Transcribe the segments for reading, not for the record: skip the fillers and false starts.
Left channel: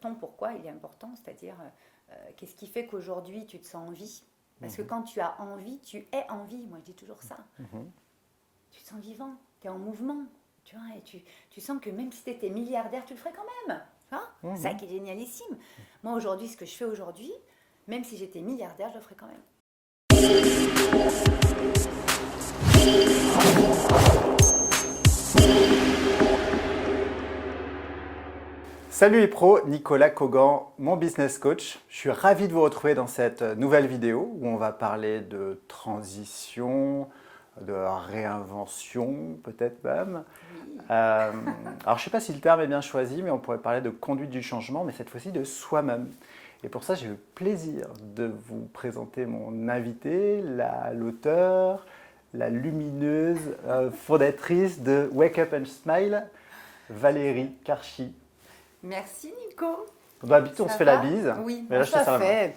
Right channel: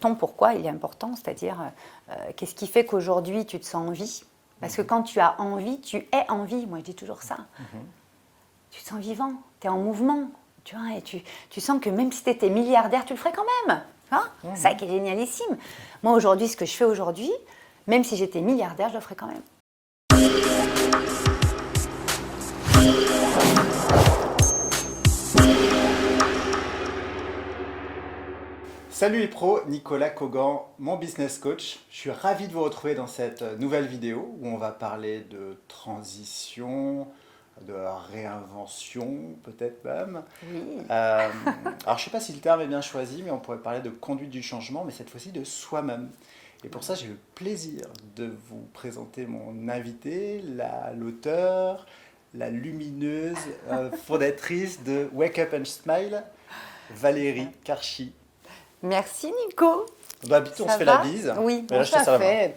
ton pourquoi, il est important, c'est-à-dire qu'est-ce qui fait qu'aujourd'hui tu te sens en vie. Parce que quand tu as envie, tu es en vie. Moi, je dis toujours ça. Tu te sens vivant, tu es en mouvement. Tu vois, et tu sens que même si tu étais milliardaire, tu le ferais quand même. Hein, c'est ça qui est génialissime. Moi, aujourd'hui, ce que je fais aujourd'hui, même si j'étais milliardaire, je le ferais quand même. Salut les pros, Nicolas Kogan, mon business coach. Je suis ravi de vous retrouver dans cette nouvelle vidéo où on va parler de transition, de réinvention peut-être même. Oui. Alors je ne sais pas si le terme est bien choisi, mais on pourrait parler de conduite du changement, mais cette fois-ci de soi-même. Et pour ça, j'ai le plaisir de vous présenter mon invité, l'auteur, la lumineuse fondatrice de Wake Up and Smile, Valérie Karchi. Merci Nico. D'habitude, on Ça se fait va? la bise. Oui, Mais là, je te tout à serre la main. fait.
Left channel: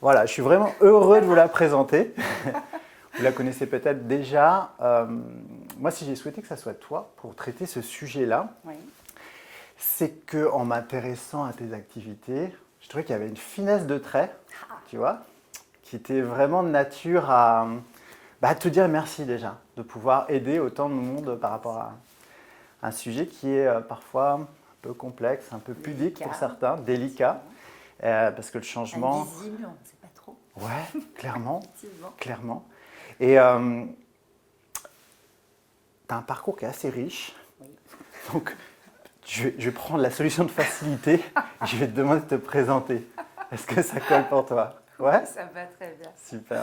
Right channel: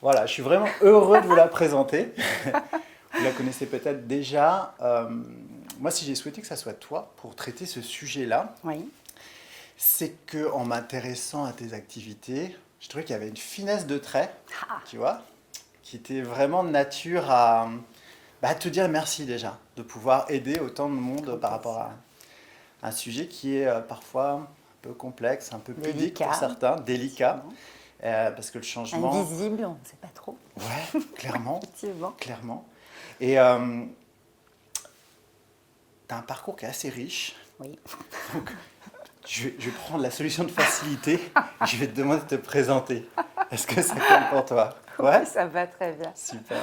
Voilà, je suis vraiment heureux de vous la présenter. Vous la connaissez peut-être déjà. Moi, si j'ai souhaité que ça soit toi pour traiter ce sujet-là, Oui. c'est qu'en m'intéressant à tes activités, je trouvais qu'il y avait une finesse de trait, tu vois, qui était vraiment de nature à te dire merci déjà, de pouvoir aider autant de monde par rapport à un sujet qui est parfois un peu complexe, un peu pudique pour certains, délicat, parce que le changement... Invisible, on ne sait pas trop. Ouais, clairement, Effectivement. clairement. Et tu as un parcours qui est assez riche. Oui. Donc, je vais prendre la solution de facilité et je vais te demander de te présenter. Est-ce que ça colle pour toi? Ouais, Ça va très bien. super.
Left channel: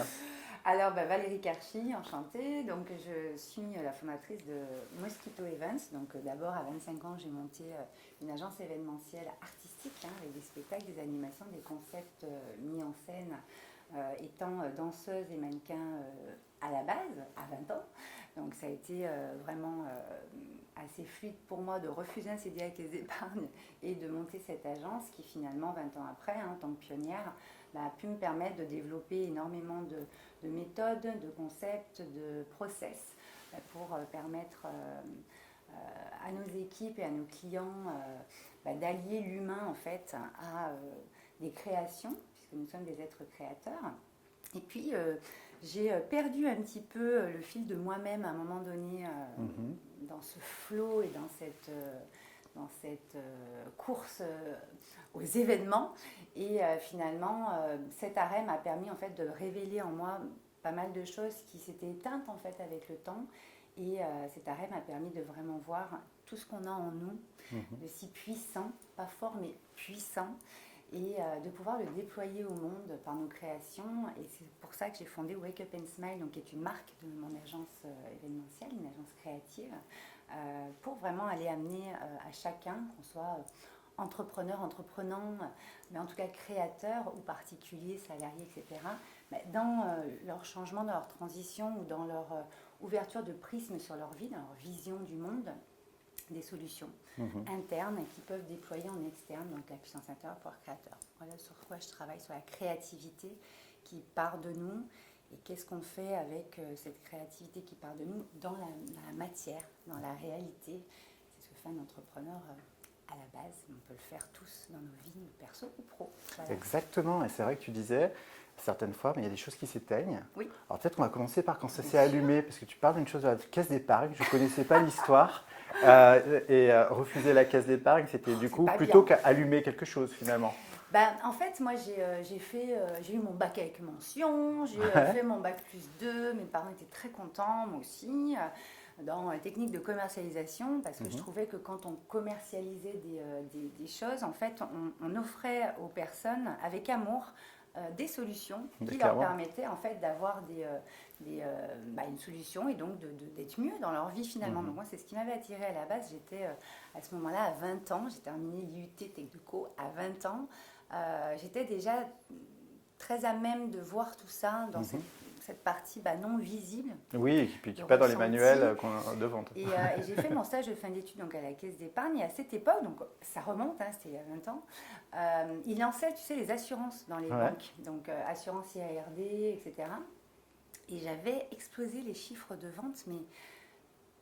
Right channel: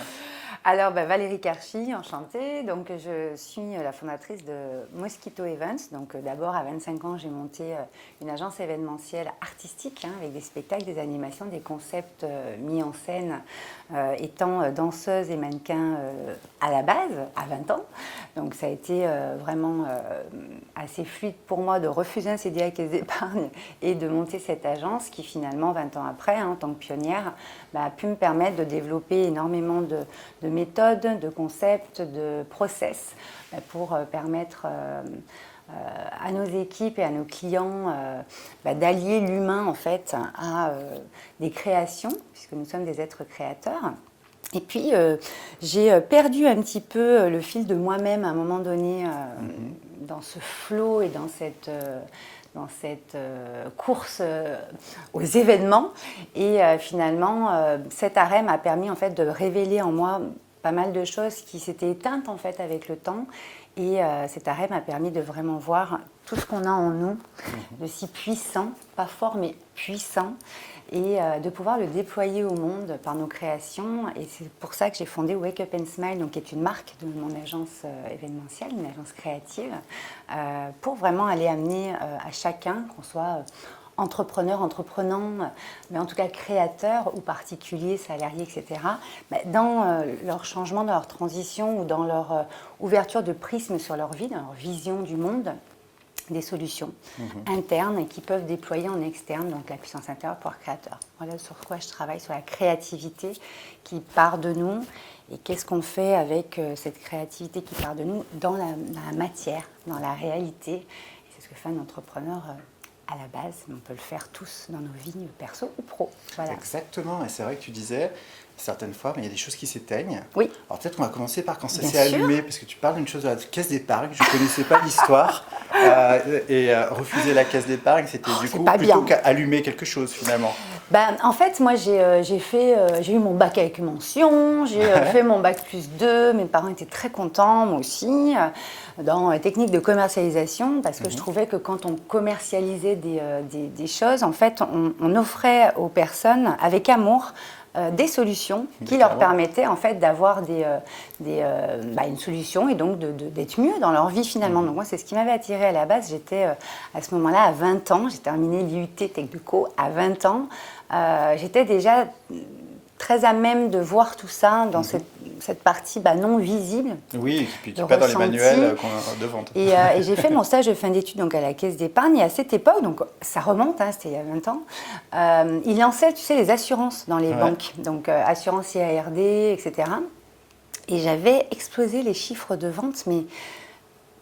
Alors, Valérie Karchi, enchantée. Donc, je suis la fondatrice de Mosquito Events. Donc, d'abord, à 25 ans, j'ai monté une agence événementielle artistique avec des spectacles, des animations, des concepts mis en scène, étant danseuse et mannequin à la base, à 20 ans. Donc, ça a été vraiment assez fluide pour moi de refuser un CDI à Caisse d'Épargne et de monter cette agence qui, finalement, 20 ans après, en tant que pionnière, a pu me permettre de développer énormément de méthodes, de concepts, de process pour permettre à nos équipes et à nos clients d'allier l'humain en fait à des créations, puisque nous sommes des êtres créateurs. Et puis, j'ai perdu un petit peu le fil de moi-même à un moment donné dans ce flow et dans cette course aux événements. Et finalement, cet arrêt m'a permis en fait, de révéler en moi pas mal de choses qui s'étaient éteintes en fait, avec le temps. Et cet arrêt m'a permis de vraiment voir tout ce qu'on a en nous, de si puissant, pas fort mais puissant, et de pouvoir le déployer au monde par nos créations. Et c'est pour ça que j'ai fondé Wake Up and Smile, donc, qui est une marque de mon agence événementielle, une agence créative, pour vraiment aller amener à chacun, qu'on soit entrepreneur, entreprenant, mais en tout cas créateur ou particulier, salarié, etc., dans leur changement, dans leur transition ou dans leur ouverture de prisme sur leur vie, dans leur vision du monde, des solutions internes et qui peuvent déployer en externe, donc la puissance intérieure, pouvoir créateur. Voilà sur quoi je travaille, sur la créativité qui part de nous et qu'est-ce qu'on fait avec cette créativité qui part de nous dans la matière, dans la réalité. Et c'est ce que fait un entrepreneur à la base. On peut le faire tous dans nos vies, perso ou pro. Voilà. Exactement, et c'est vrai que tu disais, certaines fois, mais il y a des choses qui s'éteignent. Oui. Alors peut-être qu'on va commencer par quand ça Bien s'est sûr. allumé, parce que tu parles d'une chose de la caisse d'épargne, je ne connaissais pas l'histoire, refuser la caisse d'épargne, c'était du coup plutôt qu'allumer quelque chose finalement. En fait, moi, j'ai eu mon bac avec mention, j'ai fait mon bac +2, mes parents étaient très contents, moi aussi, dans les techniques de commercialisation, parce que je trouvais que quand on commercialisait des choses, en fait, on offrait aux personnes, avec amour, des solutions qui leur permettaient en fait d'avoir une solution et donc d'être mieux dans leur vie finalement. Donc moi c'est ce qui m'avait attirée à la base. J'étais à ce moment-là à 20 ans, j'ai terminé l'IUT Technico à 20 ans. J'étais déjà très à même de voir tout ça dans cette partie non visible. Oui, et puis pas dans les manuels de vente. Et j'ai fait mon stage de fin d'études donc à la Caisse d'Épargne. Et à cette époque, donc ça remonte, c'était il y a 20 ans, ils lançaient, tu sais, les assurances dans les banques. Donc assurance IARD, etc. Et j'avais explosé les chiffres de vente, mais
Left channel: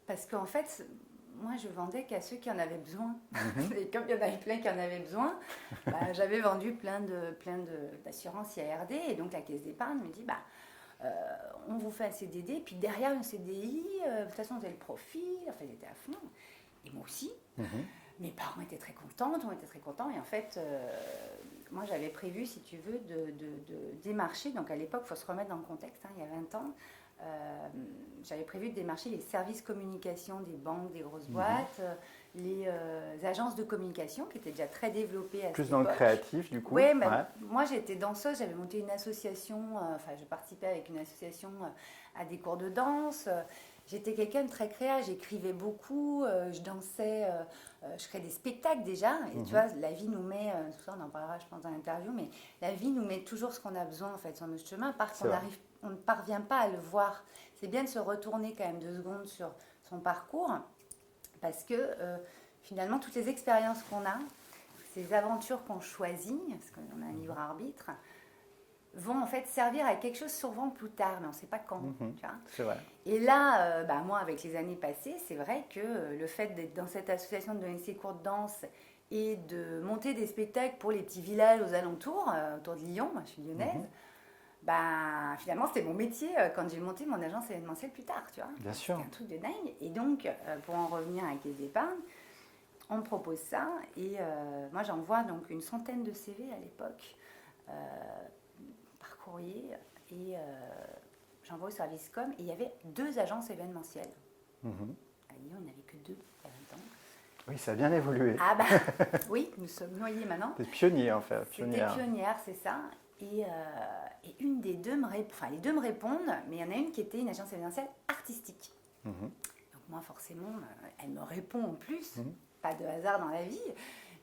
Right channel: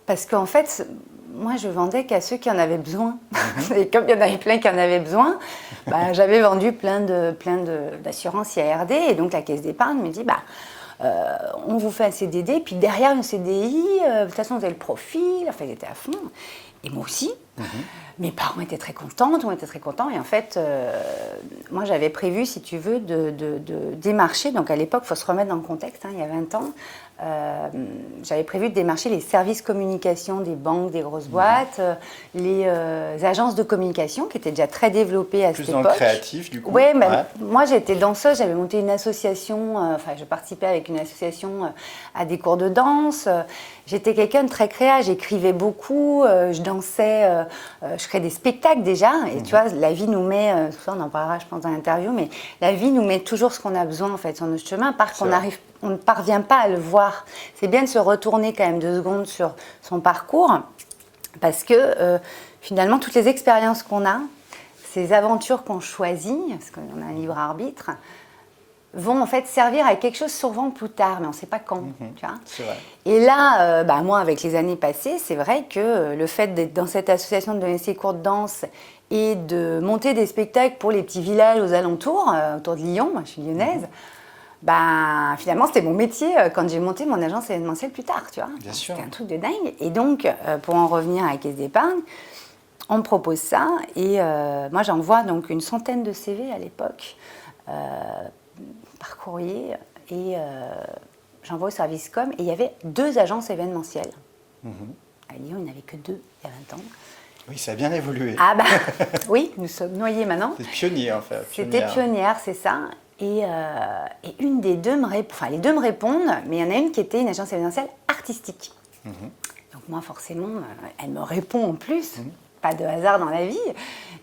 parce qu'en fait, moi, je vendais qu'à ceux qui en avaient besoin. Et comme il y en avait plein qui en avaient besoin, j'avais vendu plein d'assurances IARD. Et donc, la Caisse d'épargne me dit, on vous fait un CDD, puis derrière le CDI, de toute façon, vous avez le profil. Enfin, ils étaient à fond. Et moi aussi. Mes parents étaient très contentes, on était très contents. Et en fait, moi, j'avais prévu, si tu veux, de démarcher. Donc, à l'époque, il faut se remettre dans le contexte, il y a 20 ans. J'avais prévu de démarcher les services communication des banques, des grosses boîtes, les agences de communication qui étaient déjà très développées à cette époque. Plus dans le créatif, du coup. Oui, moi j'étais danseuse, j'avais monté une association, je participais avec une association à des cours de danse. J'étais quelqu'un de très créa, j'écrivais beaucoup, je dansais, je créais des spectacles déjà. Et tu vois, la vie nous met, ça on en parlera je pense dans l'interview, mais la vie nous met toujours ce qu'on a besoin en fait sur notre chemin, parce qu'on ne parvient pas à le voir. C'est bien de se retourner quand même 2 secondes sur son parcours, parce que finalement, toutes les expériences qu'on a, ces aventures qu'on choisit, parce qu'on a un libre arbitre, vont en fait servir à quelque chose souvent plus tard, mais on ne sait pas quand. Tu vois. C'est vrai. Et là, moi, avec les années passées, c'est vrai que le fait d'être dans cette association, de donner ces cours de danse et de monter des spectacles pour les petits villages aux alentours, autour de Lyon, moi je suis lyonnaise, finalement, c'était mon métier quand j'ai monté mon agence événementielle plus tard, tu vois. Bien sûr. C'était un truc de dingue. Et donc, pour en revenir à la Caisse d'épargne, on me propose ça. Et moi, j'envoie donc une centaine de CV à l'époque par courrier. Et j'envoie au service com. Et il y avait 2 agences événementielles. À Lyon, il n'y en avait que 2 il y a 20 ans. Oui, ça a bien évolué. Oui, nous sommes noyés maintenant. C'est pionnier, en fait. C'était pionnière, c'est ça. Et une des 2 les 2 me répondent, mais il y en a une qui était une agence événementielle artistique. Donc moi, forcément, elle me répond en plus. Pas de hasard dans la vie.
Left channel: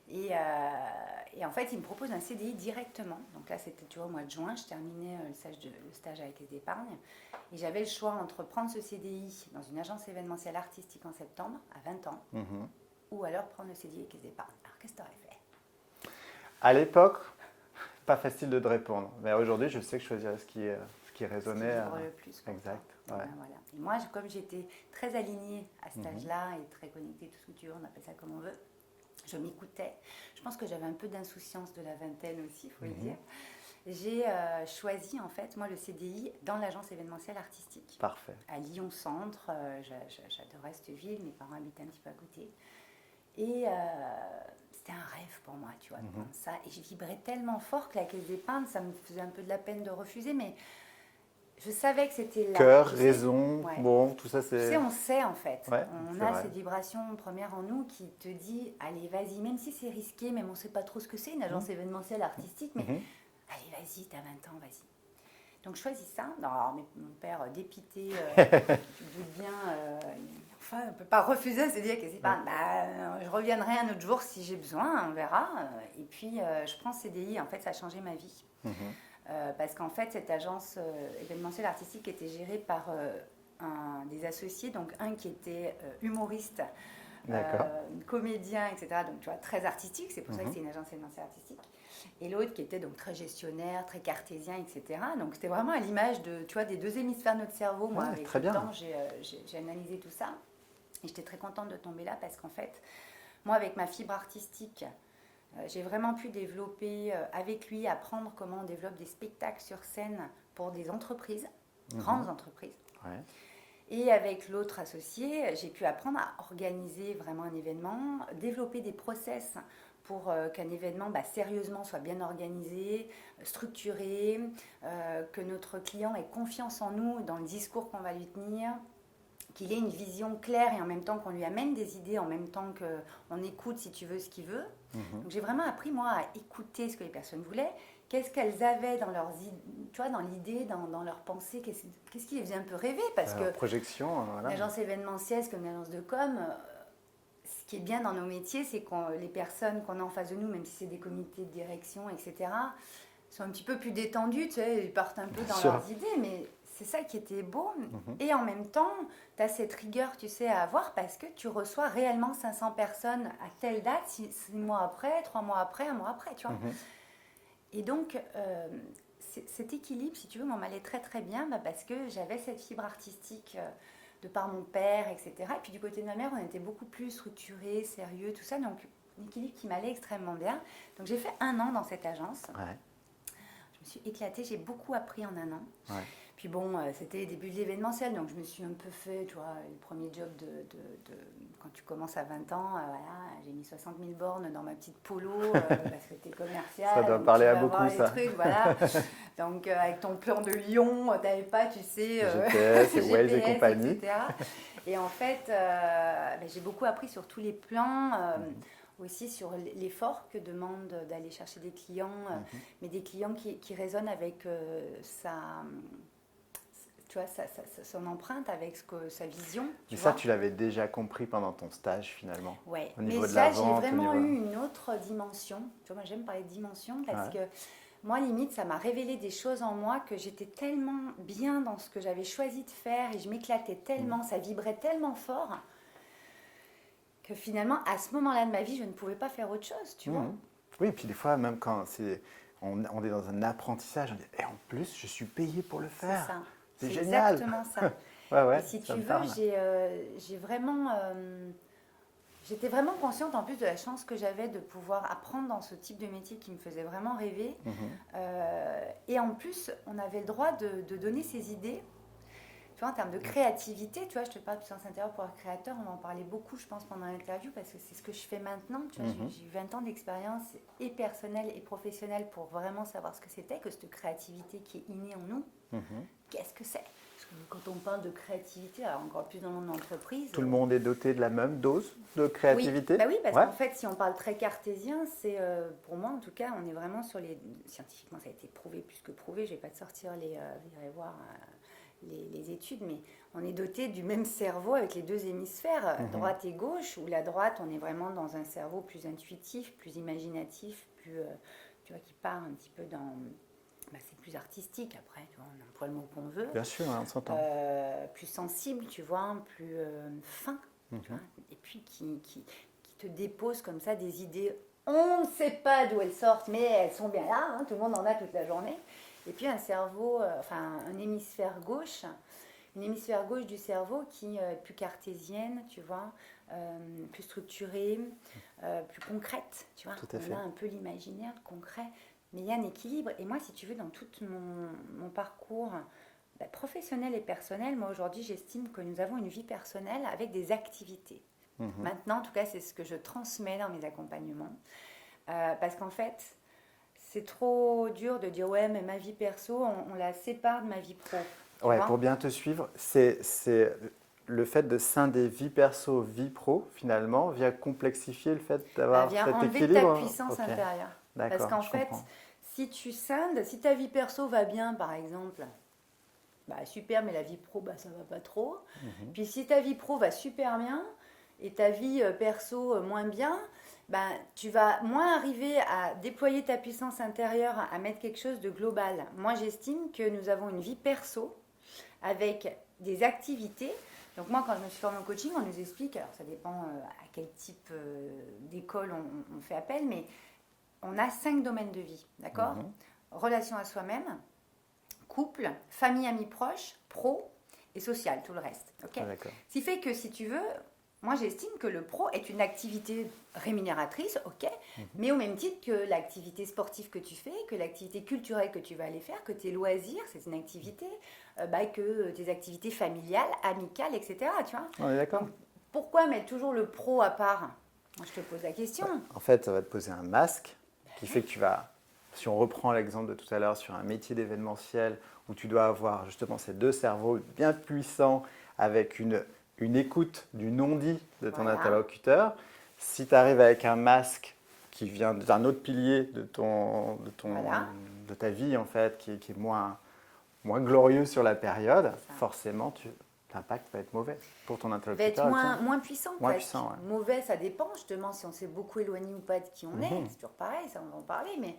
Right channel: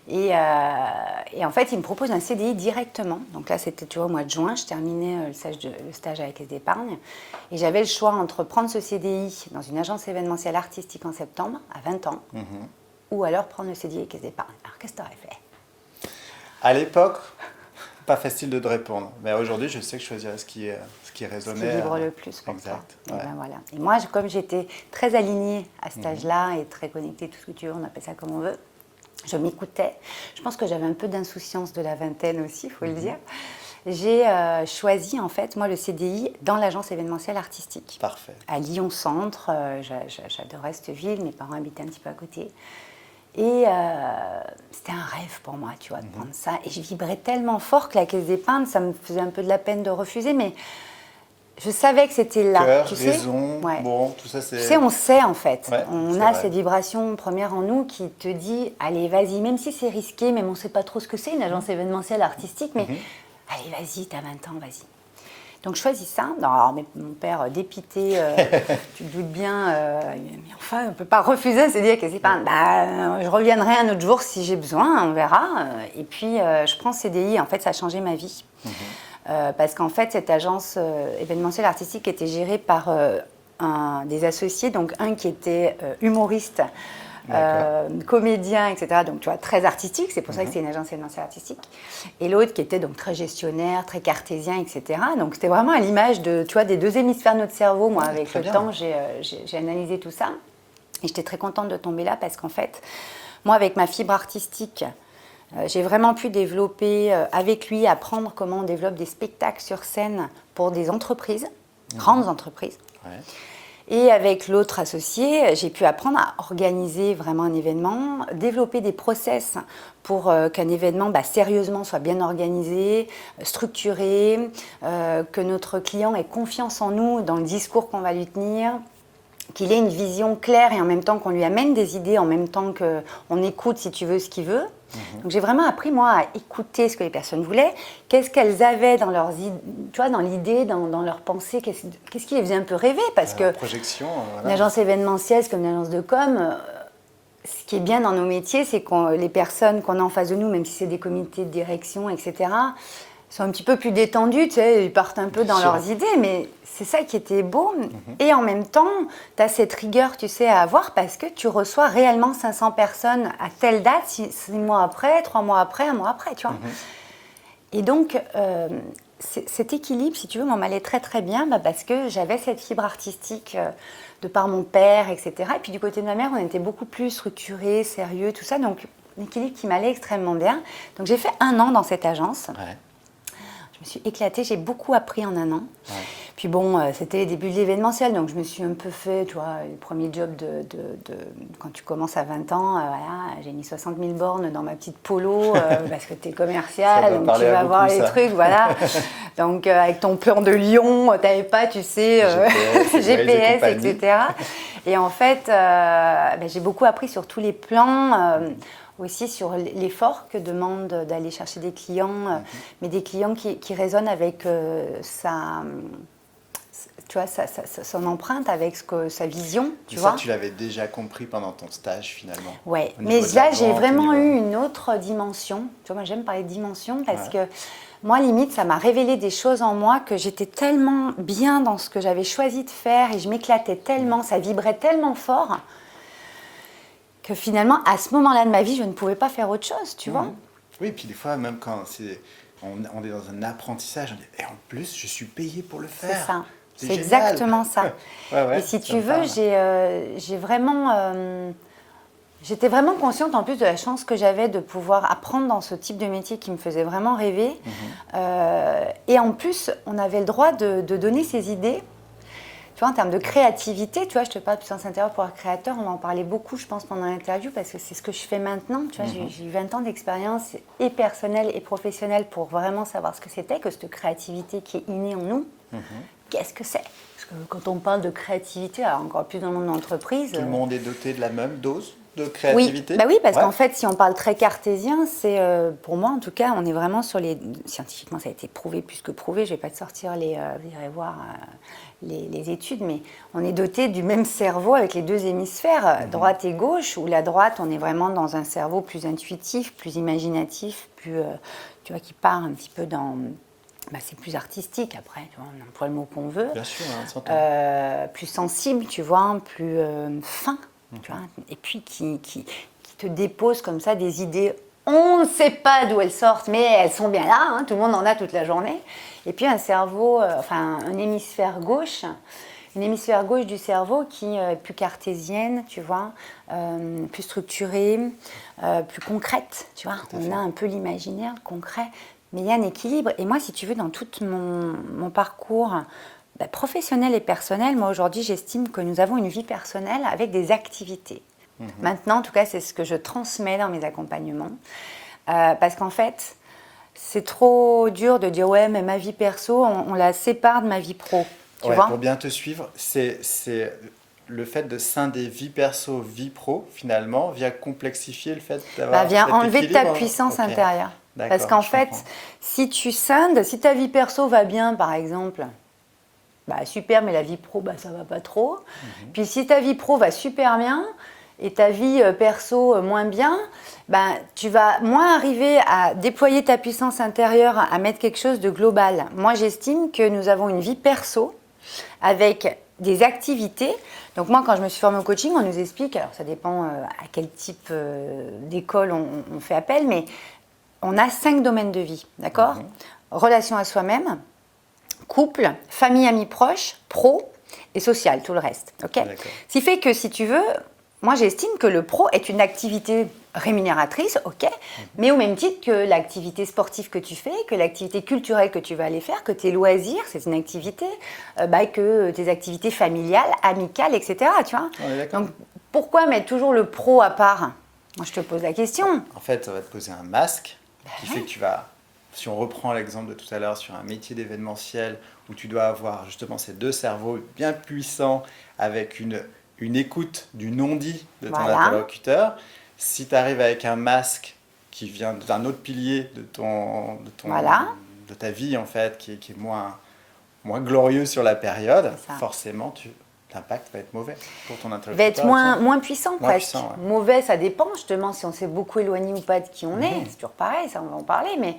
Et en fait, il me propose un CDI directement. Donc là, c'était, tu vois, au mois de juin, je terminais le stage à la Caisse d'épargne. Et j'avais le choix entre prendre ce CDI dans une agence événementielle artistique en septembre, à 20 ans, ou alors prendre le CDI à la Caisse d'épargne. Alors, qu'est-ce que tu aurais fait? À l'époque, pas facile de te répondre. Mais aujourd'hui, je sais que je choisirais ce qui résonnait. Ce qui vibre le plus. Exact. Et, voilà. Et moi, comme j'étais très alignée à cet âge-là et très connectée, tout ce que tu veux, on appelle ça comme on veut, je m'écoutais. Je pense que j'avais un peu d'insouciance de la vingtaine aussi, il faut le dire. J'ai choisi, en fait, moi, le CDI dans l'agence événementielle artistique. Parfait. À Lyon Centre. J'adorais cette ville. Mes parents habitaient un petit peu à côté. Et c'était un rêve pour moi, tu vois, de prendre ça. Et je vibrais tellement fort que la Caisse d'épargne, ça me faisait un peu de la peine de refuser, mais je savais que c'était là. Cœur, tu sais, raison, bon, tout ça c'est... Tu sais, on sait en fait. Ouais, on a cette vibration première en nous qui te dit, allez, vas-y, même si c'est risqué, même on ne sait pas trop ce que c'est, une agence événementielle artistique, mais allez, vas-y, t'as 20 ans, vas-y. Donc je choisis ça. Alors, mon père dépité, tu te doutes bien, mais enfin, on ne peut pas refuser, c'est dire que c'est pas. Je reviendrai un autre jour si j'ai besoin, on verra. Et puis je prends CDI. En fait, ça a changé ma vie. Parce qu'en fait, cette agence événementielle artistique était gérée par des associés, donc un qui était humoriste, comédien, etc. Donc, tu vois, très artistique. C'est pour ça que c'est une agence événementielle artistique. Et l'autre qui était donc très gestionnaire, très cartésien, etc. Donc, c'était vraiment à l'image de, tu vois, des 2 hémisphères de notre cerveau. Moi, avec le temps, j'ai analysé tout ça. Et j'étais très contente de tomber là parce qu'en fait, moi, avec ma fibre artistique, j'ai vraiment pu développer avec lui, apprendre comment on développe des spectacles sur scène pour des entreprises, grandes entreprises. Ouais. Et avec l'autre associé, j'ai pu apprendre à organiser vraiment un événement, développer des process pour qu'un événement sérieusement soit bien organisé, structuré, que notre client ait confiance en nous dans le discours qu'on va lui tenir, qu'il ait une vision claire et en même temps qu'on lui amène des idées, en même temps qu'on écoute, si tu veux, ce qu'il veut. Donc j'ai vraiment appris, moi, à écouter ce que les personnes voulaient, qu'est-ce qu'elles avaient dans leurs idées, tu vois, dans l'idée, dans leurs pensées, qu'est-ce qui les faisait un peu rêver, parce que projection, une agence événementielle, c'est comme une agence de com. Ce qui est bien dans nos métiers, c'est que les personnes qu'on a en face de nous, même si c'est des comités de direction, etc., sont un petit peu plus détendus, tu sais, ils partent un peu dans leurs idées, mais c'est ça qui était beau. Et en même temps, tu as cette rigueur, tu sais, à avoir parce que tu reçois réellement 500 personnes à telle date, 6 mois après, 3 mois après, 1 mois après, tu vois. Et donc, cet équilibre, si tu veux, m'allait très très bien parce que j'avais cette fibre artistique de par mon père, etc. Et puis du côté de ma mère, on était beaucoup plus structurés, sérieux, tout ça. Donc, un équilibre qui m'allait extrêmement bien. Donc, j'ai fait 1 an dans cette agence. Ouais. Je me suis éclatée, j'ai beaucoup appris en 1 an. Ouais. Puis bon, c'était les débuts de l'événementiel, donc je me suis un peu fait, tu vois, le premier job quand tu commences à 20 ans, voilà, j'ai mis 60 000 bornes dans ma petite polo, parce que tu es commercial, donc tu vas voir les trucs, voilà. Donc avec ton plan de Lyon, tu n'avais pas, tu sais, GPS, etc. Et en fait, j'ai beaucoup appris sur tous les plans, aussi sur l'effort que demande d'aller chercher des clients, mais des clients qui résonnent avec tu vois, son empreinte, avec sa vision, tu vois. Ça, tu l'avais déjà compris pendant ton stage, finalement. Ouais, mais là, j'ai vraiment eu une autre dimension. Tu vois, moi, j'aime parler de dimension parce que moi, limite, ça m'a révélé des choses en moi que j'étais tellement bien dans ce que j'avais choisi de faire et je m'éclatais tellement, ça vibrait tellement fort que finalement, à ce moment-là de ma vie, je ne pouvais pas faire autre chose, tu vois. Oui, et puis des fois, même quand on est dans un apprentissage, on dit, et en plus, je suis payé pour le faire. C'est ça. C'est génial. exactement ça. Ouais, et si tu veux, j'ai vraiment... j'étais vraiment consciente en plus de la chance que j'avais de pouvoir apprendre dans ce type de métier qui me faisait vraiment rêver. Et en plus, on avait le droit de donner ses idées. Tu vois, en termes de créativité, tu vois, je te parle de puissance intérieure pour un créateur, on va en parler beaucoup, je pense, pendant l'interview, parce que c'est ce que je fais maintenant. Tu vois, j'ai eu 20 ans d'expérience, et personnelle et professionnelle, pour vraiment savoir ce que c'était, que cette créativité qui est innée en nous. Qu'est-ce que c'est? Parce que quand on parle de créativité, alors encore plus dans le monde de l'entreprise... Tout le monde est doté de la même dose de créativité? Oui, parce qu'en fait, si on parle très cartésien, c'est, pour moi en tout cas, on est vraiment sur les... Scientifiquement, ça a été prouvé plus que prouvé, je ne vais pas te sortir vous irez voir les études, mais on est doté du même cerveau avec les 2 hémisphères, droite et gauche, où la droite, on est vraiment dans un cerveau plus intuitif, plus imaginatif, plus, tu vois, qui part un petit peu dans... c'est plus artistique après, tu vois, on emploie le mot qu'on veut. Bien sûr, on s'entend. Plus sensible, tu vois, plus fin, tu vois, et puis qui te dépose comme ça des idées. On ne sait pas d'où elles sortent, mais elles sont bien là, hein, tout le monde en a toute la journée. Et puis un cerveau, un hémisphère gauche, une hémisphère gauche du cerveau qui est plus cartésienne, tu vois, plus structurée, plus concrète, tu vois. On a un peu l'imaginaire, le concret. Mais il y a un équilibre. Et moi, si tu veux, dans tout mon parcours professionnel et personnel, moi, aujourd'hui, j'estime que nous avons une vie personnelle avec des activités. Maintenant, en tout cas, c'est ce que je transmets dans mes accompagnements. Parce qu'en fait, c'est trop dur de dire « ouais, mais ma vie perso, on la sépare de ma vie pro ». Tu vois ? Pour bien te suivre, c'est le fait de scinder vie perso, vie pro, finalement, vient complexifier le fait d'avoir vient cet enlever équilibre. ta puissance intérieure. Parce qu'en fait, si tu scindes, si ta vie perso va bien, par exemple, super, mais la vie pro, ça va pas trop. Puis si ta vie pro va super bien et ta vie perso moins bien, tu vas moins arriver à déployer ta puissance intérieure, à mettre quelque chose de global. Moi, j'estime que nous avons une vie perso avec des activités. Donc moi, quand je me suis formée au coaching, on nous explique, alors ça dépend à quel type d'école on fait appel, mais on a 5 domaines de vie, d'accord ? Relation à soi-même, couple, famille, amis proches, pro et social, tout le reste. Okay ? Ce qui fait que, si tu veux, moi j'estime que le pro est une activité rémunératrice, ok, mais au même titre que l'activité sportive que tu fais, que l'activité culturelle que tu vas aller faire, que tes loisirs, c'est une activité, que tes activités familiales, amicales, etc. Tu vois ? Donc pourquoi mettre toujours le pro à part ? Moi je te pose la question. En fait, ça va te poser un masque qui fait que tu vas... Si on reprend l'exemple de tout à l'heure sur un métier d'événementiel où tu dois avoir justement ces 2 cerveaux bien puissants avec une écoute du non-dit de ton interlocuteur, si tu arrives avec un masque qui vient d'un autre pilier de ta vie en fait, qui est moins glorieux sur la période, forcément l'impact va être mauvais pour ton interlocuteur. Il va être moins puissant presque. Puissant, ouais. Mauvais, ça dépend justement si on s'est beaucoup éloigné ou pas de qui on est. C'est toujours pareil, ça on va en parler, mais...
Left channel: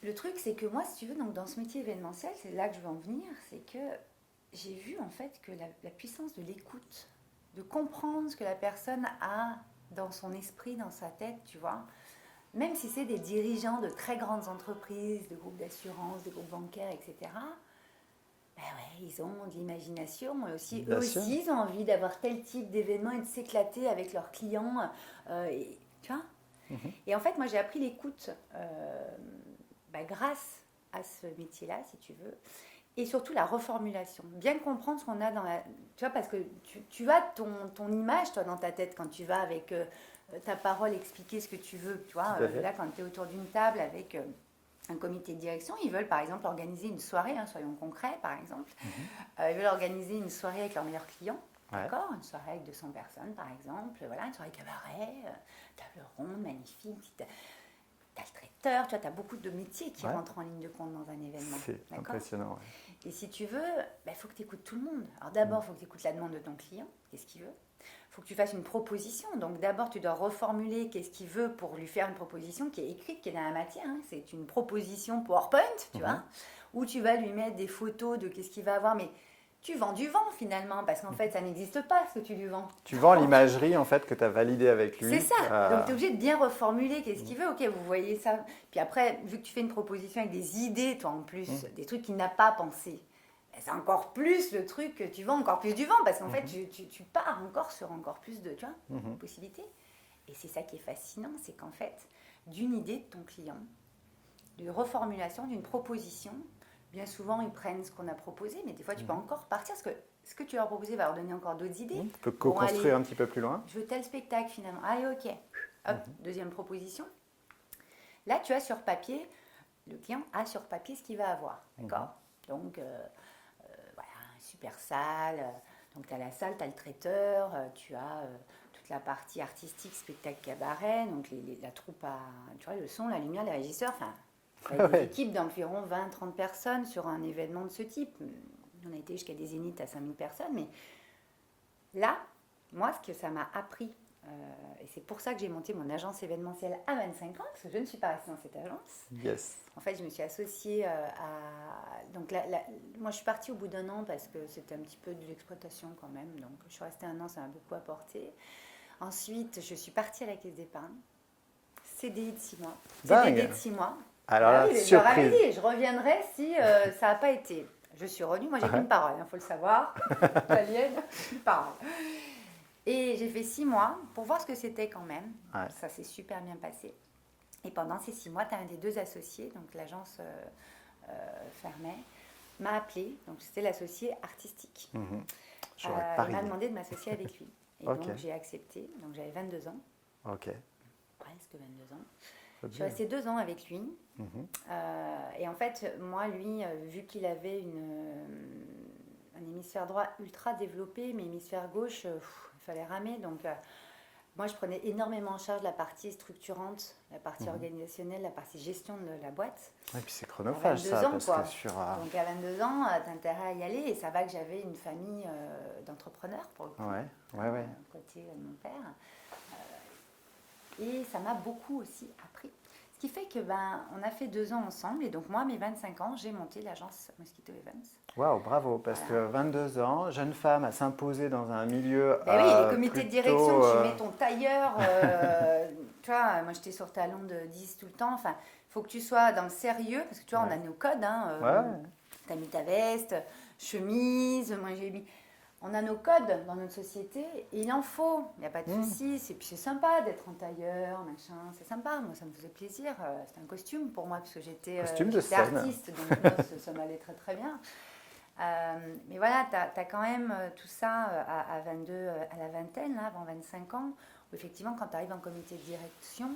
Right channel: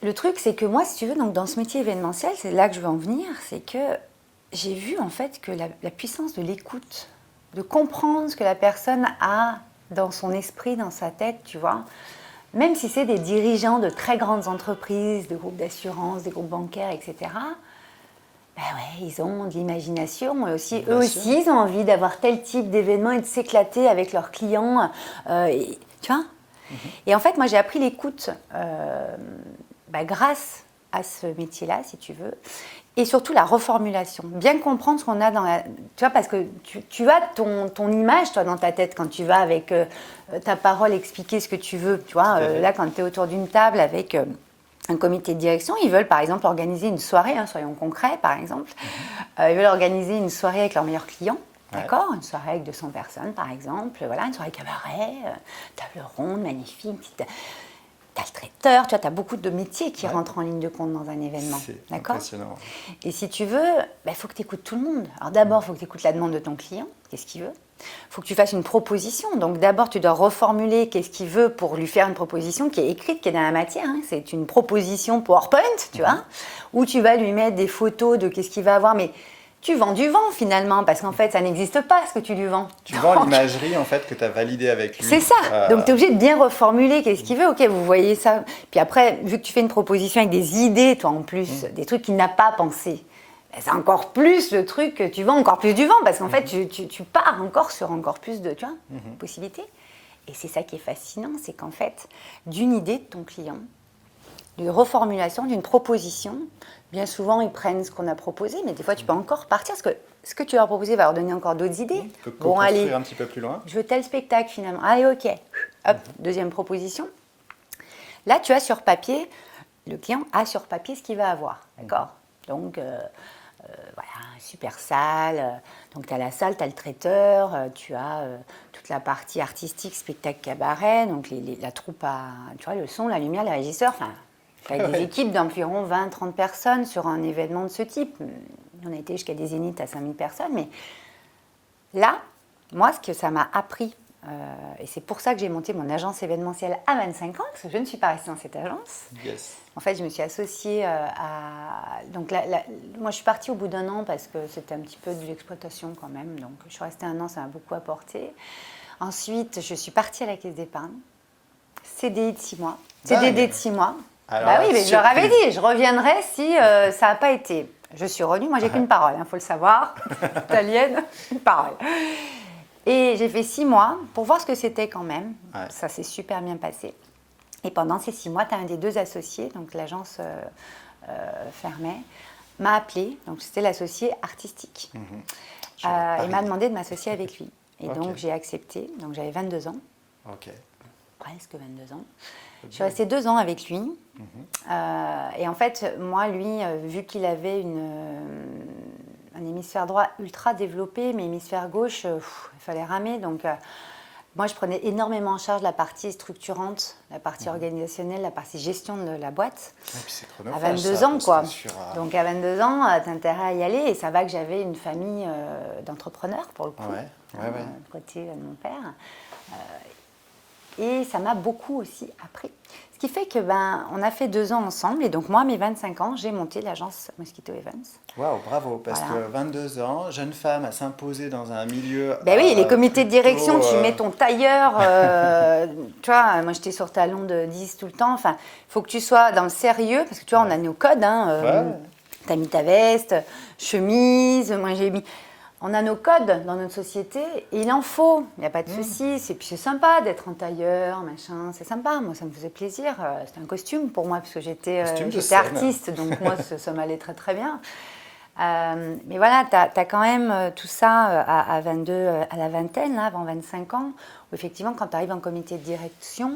Le truc, c'est que moi, si tu veux, donc dans ce métier événementiel, c'est là que je veux en venir, c'est que j'ai vu en fait que la puissance de l'écoute, de comprendre ce que la personne a dans son esprit, dans sa tête, tu vois, même si c'est des dirigeants de très grandes entreprises, de groupes d'assurance, des groupes bancaires, etc., Ben ouais, ils ont de l'imagination. Et aussi, Bien eux sûr. aussi, ils ont envie d'avoir tel type d'événement et de s'éclater avec leurs clients. Tu vois. Et en fait, moi, j'ai appris l'écoute grâce à ce métier-là, si tu veux. Et surtout la reformulation. Bien comprendre ce qu'on a dans la... Tu vois, parce que tu as ton image, toi, dans ta tête, quand tu vas avec ta parole expliquer ce que tu veux. Tu vois, là, quand tu es autour d'une table avec un comité de direction, ils veulent, par exemple, organiser une soirée, soyons concrets, par exemple. Ils veulent organiser une soirée avec leurs meilleurs clients. Ouais. D'accord, une soirée avec 200 personnes, par exemple. Voilà, une soirée cabaret, table ronde, magnifique. T'as le traiteur, tu vois, t'as beaucoup de métiers qui rentrent en ligne de compte dans un événement. C'est D'accord ? impressionnant. Et si tu veux, il faut que tu écoutes tout le monde. Alors d'abord, il faut que tu écoutes la demande de ton client, qu'est-ce qu'il veut. Il faut que tu fasses une proposition. Donc d'abord, tu dois reformuler qu'est-ce qu'il veut pour lui faire une proposition qui est écrite, qui est dans la matière. C'est une proposition PowerPoint, tu vois, où tu vas lui mettre des photos de qu'est-ce qu'il va avoir. Mais tu vends du vent finalement, parce qu'en fait, ça n'existe pas ce que tu lui vends. Tu vends l'imagerie en fait que tu as validée avec lui. C'est ça. Donc tu es obligé de bien reformuler qu'est-ce qu'il veut. Ok, vous voyez ça. Puis après, vu que tu fais une proposition avec des idées, toi en plus, des trucs qu'il n'a pas pensé, c'est encore plus le truc que tu vends encore plus du vent, parce qu'en fait, tu pars encore sur encore plus de possibilités. Et c'est ça qui est fascinant, c'est qu'en fait, d'une idée de ton client, d'une reformulation, d'une proposition, bien souvent, ils prennent ce qu'on a proposé, mais des fois, tu peux encore partir, parce que ce que tu leur as proposé va leur donner encore d'autres idées. Tu peux construire un petit peu plus loin. Je veux tel spectacle, finalement. Allez, ok. Hop, deuxième proposition. Là, tu as sur papier, le client a sur papier ce qu'il va avoir. D'accord ? Donc, voilà, super salle. Donc, tu as la salle, tu as le traiteur, tu as toute la partie artistique, spectacle cabaret, donc la troupe tu vois, le son, la lumière, les régisseurs, enfin... Avec des équipes d'environ 20-30 personnes sur un événement de ce type. On a été jusqu'à des zéniths à 5000 personnes. Mais là, moi, ce que ça m'a appris, et c'est pour ça que j'ai monté mon agence événementielle à 25 ans, parce que je ne suis pas restée dans cette agence. Yes. En fait, je me suis associée à... Donc moi, je suis partie au bout d'un an parce que c'était un petit peu de l'exploitation quand même. Donc, je suis restée un an, ça m'a beaucoup apporté. Ensuite, je suis partie à la Caisse d'épargne. CDI de 6 mois. CDD de 6 mois. Alors, bah oui, mais je leur avais dit, je reviendrai si ça n'a pas été. Je suis revenue, moi j'ai qu'une parole, faut le savoir, italienne, une parole. Et j'ai fait 6 mois pour voir ce que c'était quand même. Ouais. Ça s'est super bien passé. Et pendant ces 6 mois, tu as un des deux associés, donc l'agence fermait, m'a appelé, donc c'était l'associé artistique. Il m'a demandé de m'associer avec lui. Et donc j'ai accepté, donc j'avais 22 ans. Ok. Presque 22 ans. Je suis restée 2 ans avec lui. Et en fait, moi, lui, vu qu'il avait un hémisphère droit ultra développé, mais hémisphère gauche, il fallait ramer. Donc, moi, je prenais énormément en charge la partie structurante, la partie organisationnelle, la partie gestion de la boîte. Et puis c'est À chronophage, 22 ça, ans, parce quoi. que sur, Donc, à 22 ans, tu as intérêt à y aller. Et ça va que j'avais une famille d'entrepreneurs, pour le coup, ouais. côté de mon père. Et ça m'a beaucoup aussi appris. Ce qui fait que on a fait 2 ans ensemble. Et donc moi, à mes 25 ans, j'ai monté l'agence Mosquito Events. Waouh, bravo. Parce que 22 ans, jeune femme à s'imposer dans un milieu... Ben oui, les comités de direction, tu mets ton tailleur. Tu vois, moi j'étais sur talon de 10 tout le temps. Enfin, il faut que tu sois dans le sérieux. Parce que tu vois, on a nos codes. Tu as mis ta veste, chemise. Moi j'ai mis... On a nos codes dans notre société et il en faut, il n'y a pas de souci. Puis c'est sympa d'être en tailleur, machin, c'est sympa. Moi, ça me faisait plaisir. C'était un costume pour moi parce que j'étais artiste, donc moi, ça m'allait très très bien. Mais voilà, tu as quand même tout ça à 22, à la vingtaine, là, avant 25 ans, où effectivement, quand tu arrives en comité de direction,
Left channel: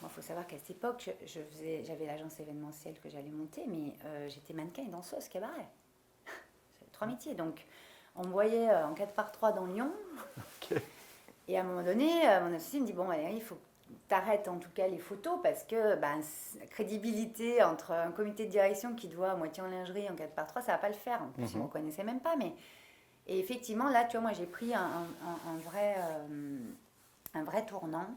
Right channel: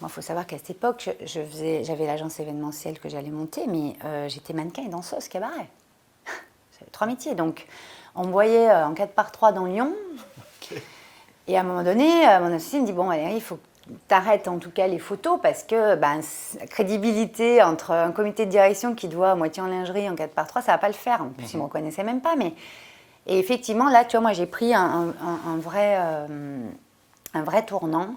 il faut savoir qu'à cette époque, j'avais l'agence événementielle que j'allais monter, mais j'étais mannequin et danseuse cabaret. J'avais 3 métiers, donc... On me voyait en 4x3 dans Lyon. Et à un moment donné, mon associé me dit, bon, allez, il faut que tu arrêtes en tout cas les photos parce que la crédibilité entre un comité de direction qui doit à moitié en lingerie en 4x3, ça ne va pas le faire. En plus, ils ne me reconnaissaient même pas. Et effectivement, là, tu vois, moi, j'ai pris un vrai tournant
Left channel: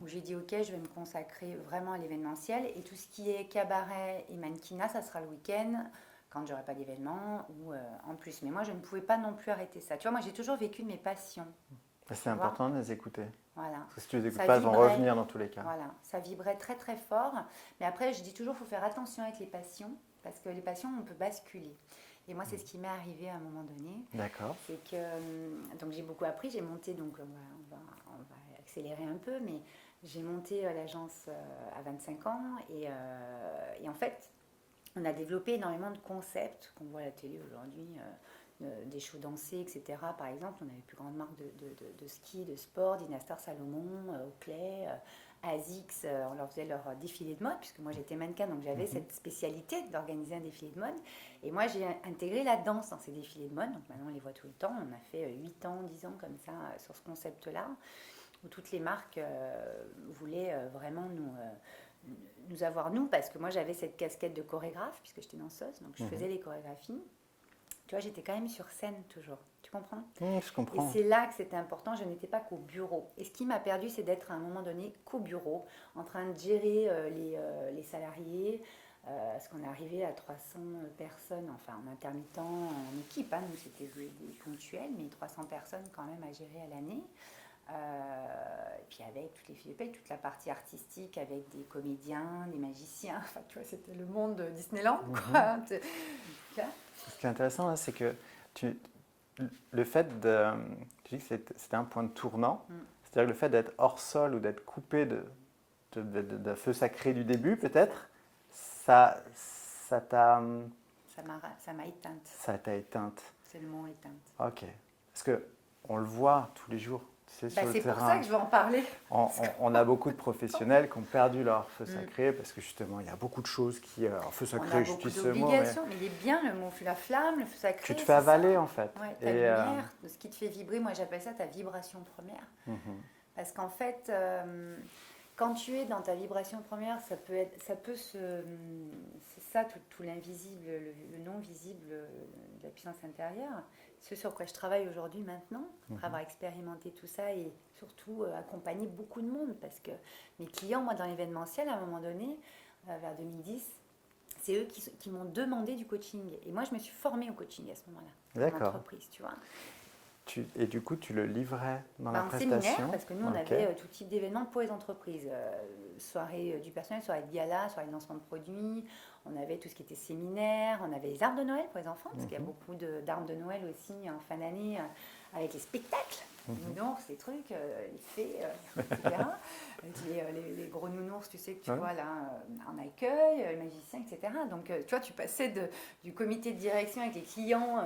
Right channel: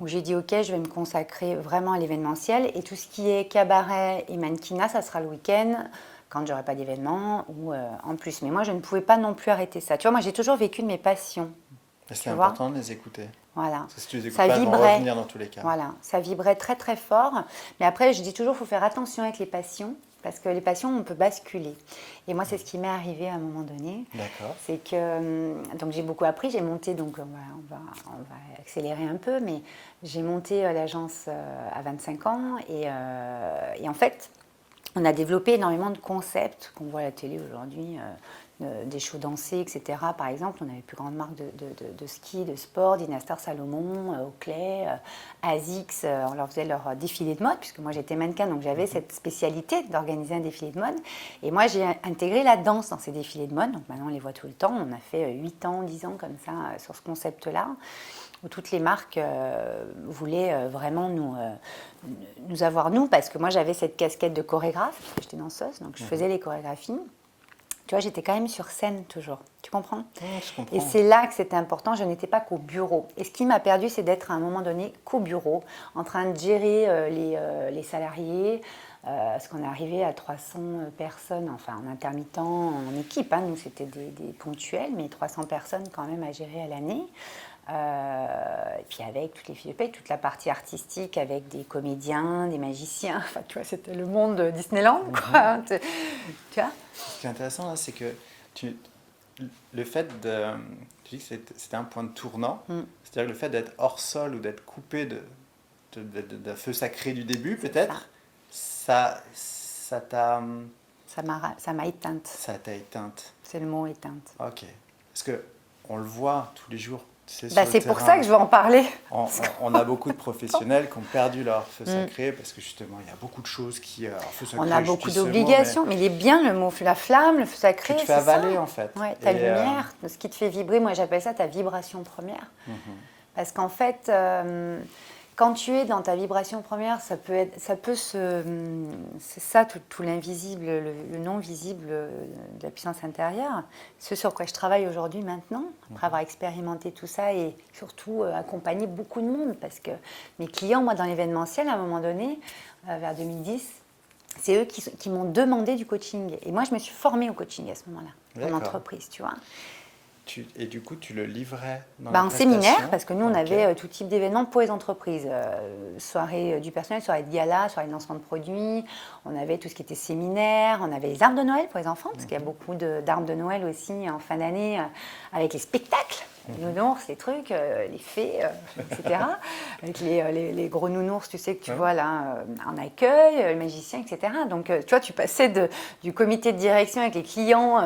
où j'ai dit, OK, je vais me consacrer vraiment à l'événementiel. Et tout ce qui est cabaret et mannequinat, ça sera le week-end, quand j'aurai pas d'événement ou en plus. Mais moi, je ne pouvais pas non plus arrêter ça. Tu vois, moi, j'ai toujours vécu de mes passions. C'est important de les écouter. Voilà. Parce que si tu les écoutes Ça pas, elles vont vibrait. revenir dans tous les cas. Voilà, ça vibrait très très fort. Mais après, je dis toujours, il faut faire attention avec les passions parce que les passions, on peut basculer. Et moi, c'est ce qui m'est arrivé à un moment donné. D'accord. C'est que donc j'ai beaucoup appris, j'ai monté, donc on va accélérer un peu, mais j'ai monté l'agence à 25 ans et en fait, on a développé énormément de concepts qu'on voit à la télé aujourd'hui, des shows dansés, etc. Par exemple, on avait les plus grandes marques de ski, de sport, Dynastar Salomon, Oakley, Asics, on leur faisait leur défilé de mode, puisque moi j'étais mannequin, donc j'avais cette spécialité d'organiser un défilé de mode. Et moi j'ai intégré la danse dans ces défilés de mode, donc maintenant on les voit tout le temps. On a fait 8 ans, 10 ans comme ça sur ce concept-là, où toutes les marques voulaient vraiment nous avoir, nous, parce que moi j'avais cette casquette de chorégraphe, puisque j'étais danseuse, donc je faisais les chorégraphies. Tu vois, j'étais quand même sur scène toujours. Tu comprends ? Je comprends. Et c'est là que c'était important. Je n'étais pas qu'au bureau. Et ce qui m'a perdu, c'est d'être à un moment donné qu'au bureau, en train de gérer les salariés. Parce qu'on est arrivé à 300 personnes, enfin en intermittent, en équipe. Hein. Nous, c'était des ponctuels, mais 300 personnes quand même à gérer à l'année. Et puis avec toutes les fiches de paye, toute la partie artistique avec des comédiens, des magiciens. Enfin, tu vois, c'était le monde Disneyland, quoi. Tu vois ? Ce qui est intéressant, là, c'est que le fait de... Tu dis que c'était un point de tournant, c'est-à-dire le fait d'être hors sol ou d'être coupé de feu sacré du début, peut-être, ça t'a... Ça m'a éteinte. Ça t'a éteinte. C'est le mot éteinte. Ok. Parce qu'on le voit tous les jours. Tu sais, C'est pour ça que je veux en parler. On a beaucoup de professionnels qui ont perdu leur feu sacré parce que justement, il y a beaucoup de choses qui... feu sacré, on a beaucoup d'obligations, mais il est bien le mot, la flamme, le feu sacré. Tu te fais avaler en fait. Ouais, ta lumière, ce qui te fait vibrer, moi j'appelle ça ta vibration première. Parce qu'en fait, quand tu es dans ta vibration première, c'est ça tout l'invisible, le non visible de la puissance intérieure. Ce sur quoi je travaille aujourd'hui maintenant, après avoir expérimenté tout ça et surtout accompagné beaucoup de monde. Parce que mes clients, moi dans l'événementiel, à un moment donné, vers 2010, c'est eux qui m'ont demandé du coaching. Et moi, je me suis formée au coaching à ce moment-là, en entreprise, tu vois. Et du coup, tu le livrais dans en séminaire, parce que nous, on avait tout type d'événements pour les entreprises. Soirée du personnel, soirée de gala, soirée de lancement de produits. On avait tout ce qui était séminaire. On avait les arbres de Noël pour les enfants, parce qu'il y a beaucoup d'arbres de Noël aussi en fin d'année, avec les spectacles. Les nounours, les trucs, les fées, etc. Avec les gros nounours, tu sais, que tu vois là, en accueil, le magicien, etc. Donc, tu vois, tu passais du comité de direction avec les clients,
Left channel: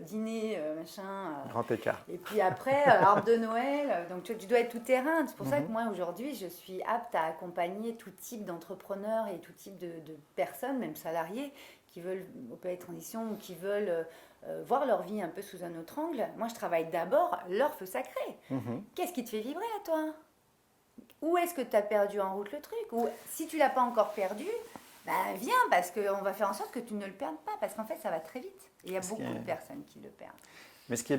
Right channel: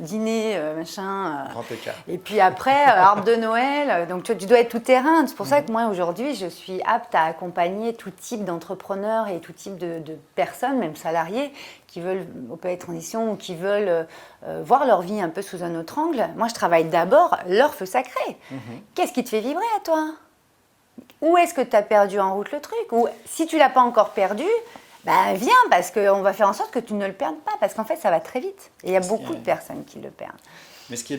dîner, machin. Grand écart. Et puis après, arbre de Noël. Donc, tu dois être tout terrain. C'est pour ça que moi, aujourd'hui, je suis apte à accompagner tout type d'entrepreneurs et tout type de personnes, même salariés, qui veulent opérer transition ou qui veulent voir leur vie un peu sous un autre angle. Moi, je travaille d'abord leur feu sacré. Qu'est-ce qui te fait vibrer à toi ? Où est-ce que tu as perdu en route le truc ? Ou si tu ne l'as pas encore perdu, viens, parce qu'on va faire en sorte que tu ne le perdes pas. Parce qu'en fait, ça va très vite. Et il y a beaucoup de personnes qui le perdent. Mais ce qui est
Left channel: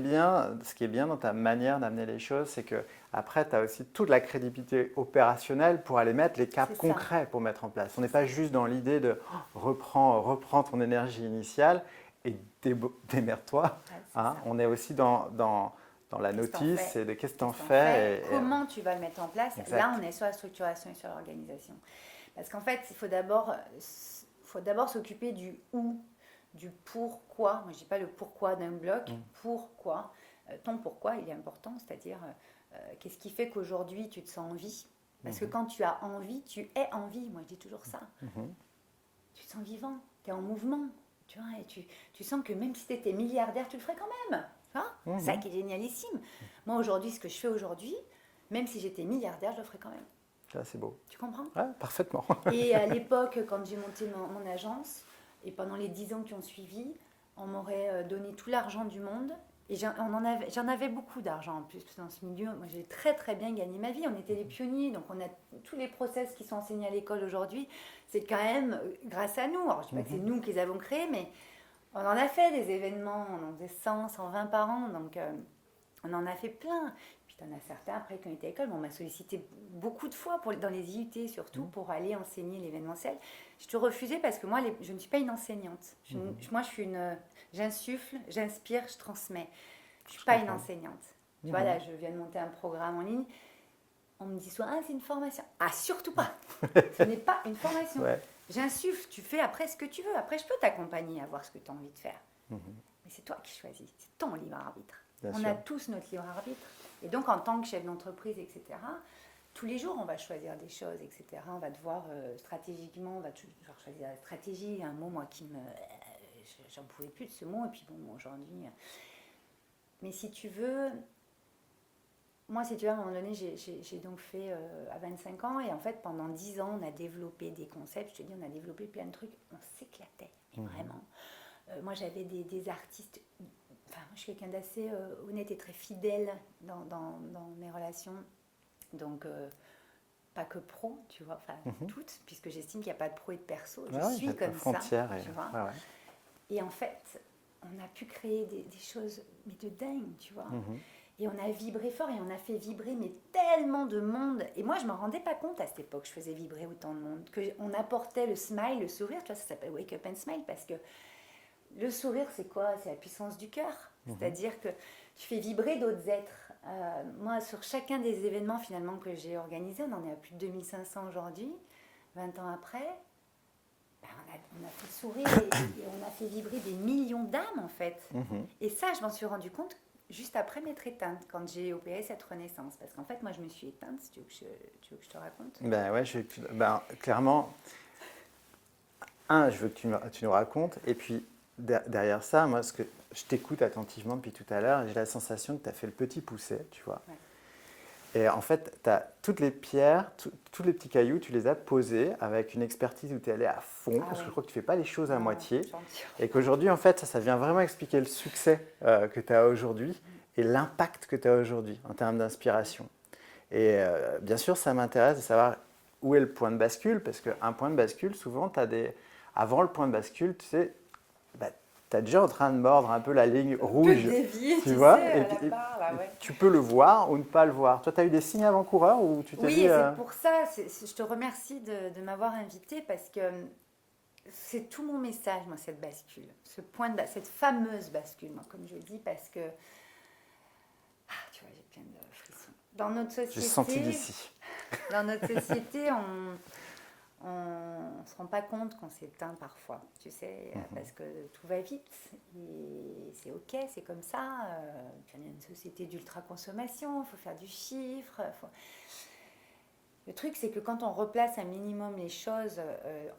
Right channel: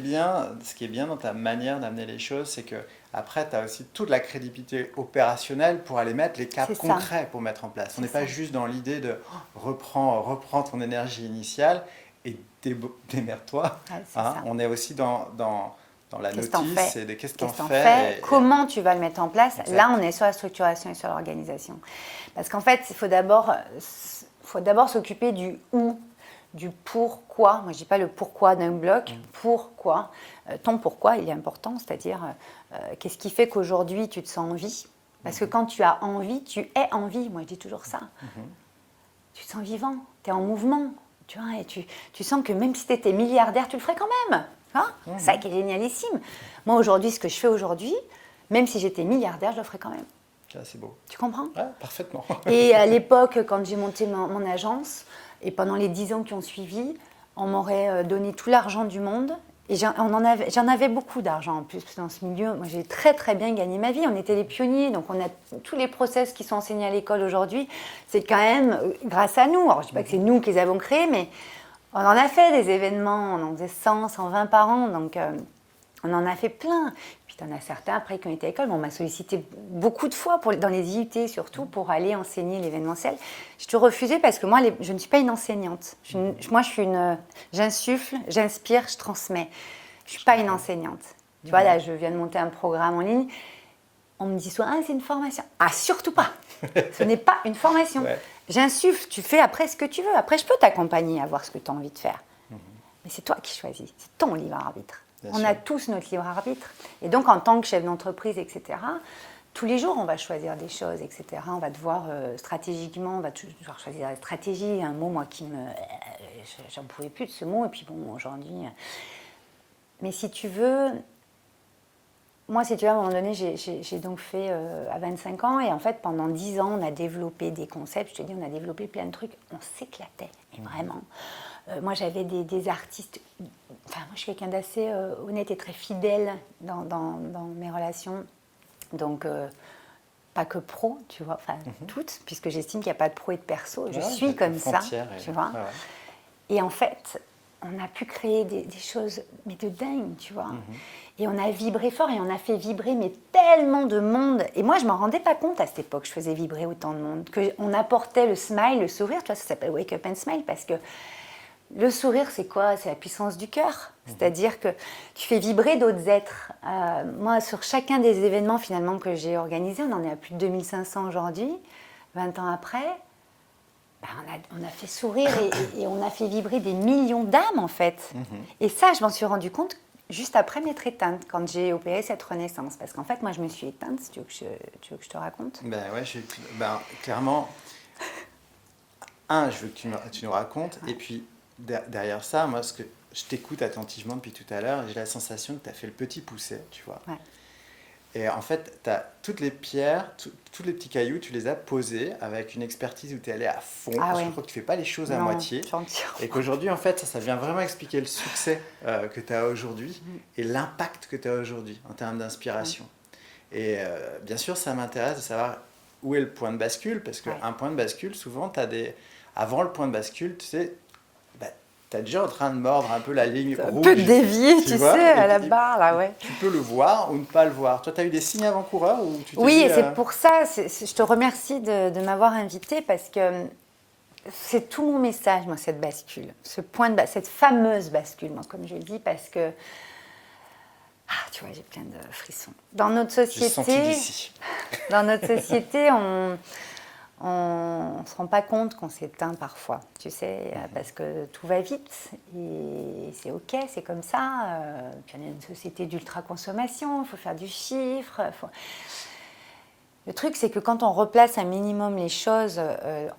bien dans ta manière d'amener les choses, c'est que après, tu as aussi toute la crédibilité opérationnelle pour aller mettre les caps concrets pour mettre en place. On n'est pas juste dans l'idée de reprends ton énergie initiale et démerde-toi. Ouais, on est aussi dans la notice et de qu'est-ce que t'en fais. Comment tu vas le mettre en place. Exact. Là, on est sur la structuration et sur l'organisation. Parce qu'en fait, il faut d'abord s'occuper du où, du pourquoi. Moi, je ne dis pas le pourquoi d'un bloc. Pourquoi. Ton pourquoi, il est important, c'est-à-dire qu'est-ce qui fait qu'aujourd'hui, tu te sens en vie. Parce que quand tu as envie, tu es en vie. Moi, je dis toujours ça. Tu te sens vivant, tu es en mouvement. Tu vois, et tu sens que même si tu étais milliardaire, tu le ferais quand même. C'est ça qui est génialissime. Moi, aujourd'hui, ce que je fais aujourd'hui, même si j'étais milliardaire, je le ferais quand même. Ah, c'est beau. Tu comprends ? Ouais, parfaitement. Et à l'époque, quand j'ai monté mon agence, et pendant les 10 ans qui ont suivi, on m'aurait donné tout l'argent du monde. Et j'en avais beaucoup d'argent en plus, parce que dans ce milieu, moi j'ai très très bien gagné ma vie. On était les pionniers, donc on a tous les process qui sont enseignés à l'école aujourd'hui. C'est quand même grâce à nous. Alors je ne dis pas que c'est nous qui les avons créés, mais on en a fait des événements, on en faisait 100, 120 par an, donc on en a fait plein. Puis tu en as certains après qui ont été à l'école, on m'a sollicité beaucoup de fois, dans les IUT surtout, pour aller enseigner l'événementiel. J'ai tout refusé parce que moi, je ne suis pas une enseignante. Moi, j'insuffle, j'inspire, je transmets. Je ne suis pas une enseignante. Tu vois, là, je viens de monter un programme en ligne. On me dit souvent, c'est une formation. Ah, surtout pas. Ce n'est pas une formation. Ouais. J'insuffle, tu fais après ce que tu veux. Après, je peux t'accompagner à voir ce que tu as envie de faire. Mais c'est toi qui choisis, c'est ton libre arbitre. On a tous notre libre arbitre. Et donc, en tant que chef d'entreprise, etc., tous les jours, on va choisir des choses, etc. On va devoir stratégiquement, on va devoir choisir la stratégie. Un mot, moi, qui me... J'en pouvais plus de ce mot. Et puis, bon, aujourd'hui... Mais si tu veux... Moi, si tu veux, à un moment donné, j'ai donc fait à 25 ans. Et en fait, pendant 10 ans, on a développé des concepts. Je te dis, on a développé plein de trucs. On s'éclatait, et vraiment. Moi, j'avais des artistes... Enfin, moi, je suis quelqu'un d'assez honnête et très fidèle dans mes relations. Donc, pas que pro, tu vois, enfin, toutes, puisque j'estime qu'il n'y a pas de pro et de perso. Je suis comme ça, tu vois. Et en fait, on a pu créer des choses, mais de dingue, tu vois. Et on a vibré fort et on a fait vibrer mais tellement de monde. Et moi, je ne m'en rendais pas compte à cette époque, je faisais vibrer autant de monde. Qu'on apportait le smile, le sourire, tu vois, ça s'appelle Wake Up and Smile parce que le sourire, c'est quoi? C'est la puissance du cœur. C'est-à-dire que tu fais vibrer d'autres êtres. Moi, sur chacun des événements finalement que j'ai organisés, on en est à plus de 2500 aujourd'hui, 20 ans après, ben, on a fait sourire et on a fait vibrer des millions d'âmes en fait. Et ça, je m'en suis rendu compte juste après m'être éteinte, quand j'ai opéré cette renaissance. Parce qu'en fait, moi, je me suis éteinte, si tu veux que je te raconte. Ben ouais, clairement, je veux que tu nous racontes, et puis derrière ça, moi, ce que je t'écoute attentivement depuis tout à l'heure, j'ai la sensation que tu as fait le petit poussé, tu vois. Ouais. Et en fait, tu as toutes les pierres, tous les petits cailloux, tu les as posés avec une expertise où tu es allé à fond, parce que je crois que tu ne fais pas les choses à moitié. Et qu'aujourd'hui, en fait, ça vient vraiment expliquer le succès que tu as aujourd'hui et l'impact que tu as aujourd'hui en termes d'inspiration. Et bien sûr, ça m'intéresse de savoir où est le point de bascule, parce qu'un point de bascule, souvent, tu as des... Avant le point de bascule, tu sais, tu es déjà en train de mordre un peu la ligne rouge. Un peu dévié, tu sais, à la barre, là, ouais. Tu peux le voir ou ne pas le voir. Toi, tu as eu des signes avant-coureurs ou tu t'es Oui, dit, et c'est pour ça, je te remercie de m'avoir invitée, parce que c'est tout mon message, moi, cette bascule. Cette fameuse bascule, moi, comme je dis, parce que... Ah, tu vois, j'ai plein de frissons. Dans notre société... J'ai senti d'ici. Dans notre société, on ne se rend pas compte qu'on s'éteint parfois, tu sais, parce que tout va vite et c'est OK, c'est comme ça. Puis on est une société d'ultra-consommation, il faut faire du chiffre. Le truc, c'est que quand on replace un minimum les choses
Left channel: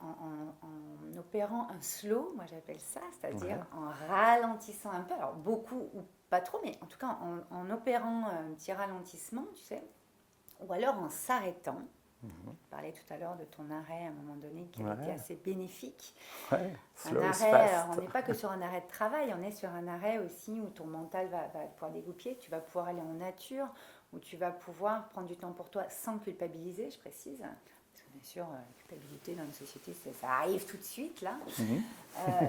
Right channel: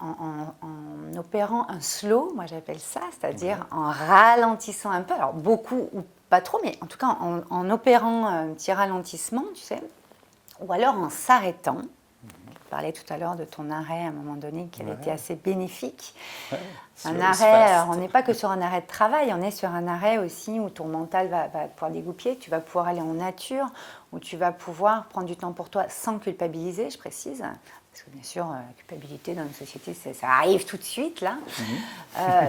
en opérant un slow, moi j'appelle ça, c'est-à-dire en ralentissant un peu, alors beaucoup ou pas trop, mais en tout cas en opérant un petit ralentissement, tu sais, ou alors en s'arrêtant. Tu parlais tout à l'heure de ton arrêt à un moment donné qui avait été assez bénéfique. Un arrêt, on n'est pas que sur un arrêt de travail, on est sur un arrêt aussi où ton mental va pouvoir dégoupiller, tu vas pouvoir aller en nature, où tu vas pouvoir prendre du temps pour toi sans culpabiliser, je précise. Parce que bien sûr, la culpabilité dans une société, ça arrive tout de suite, là.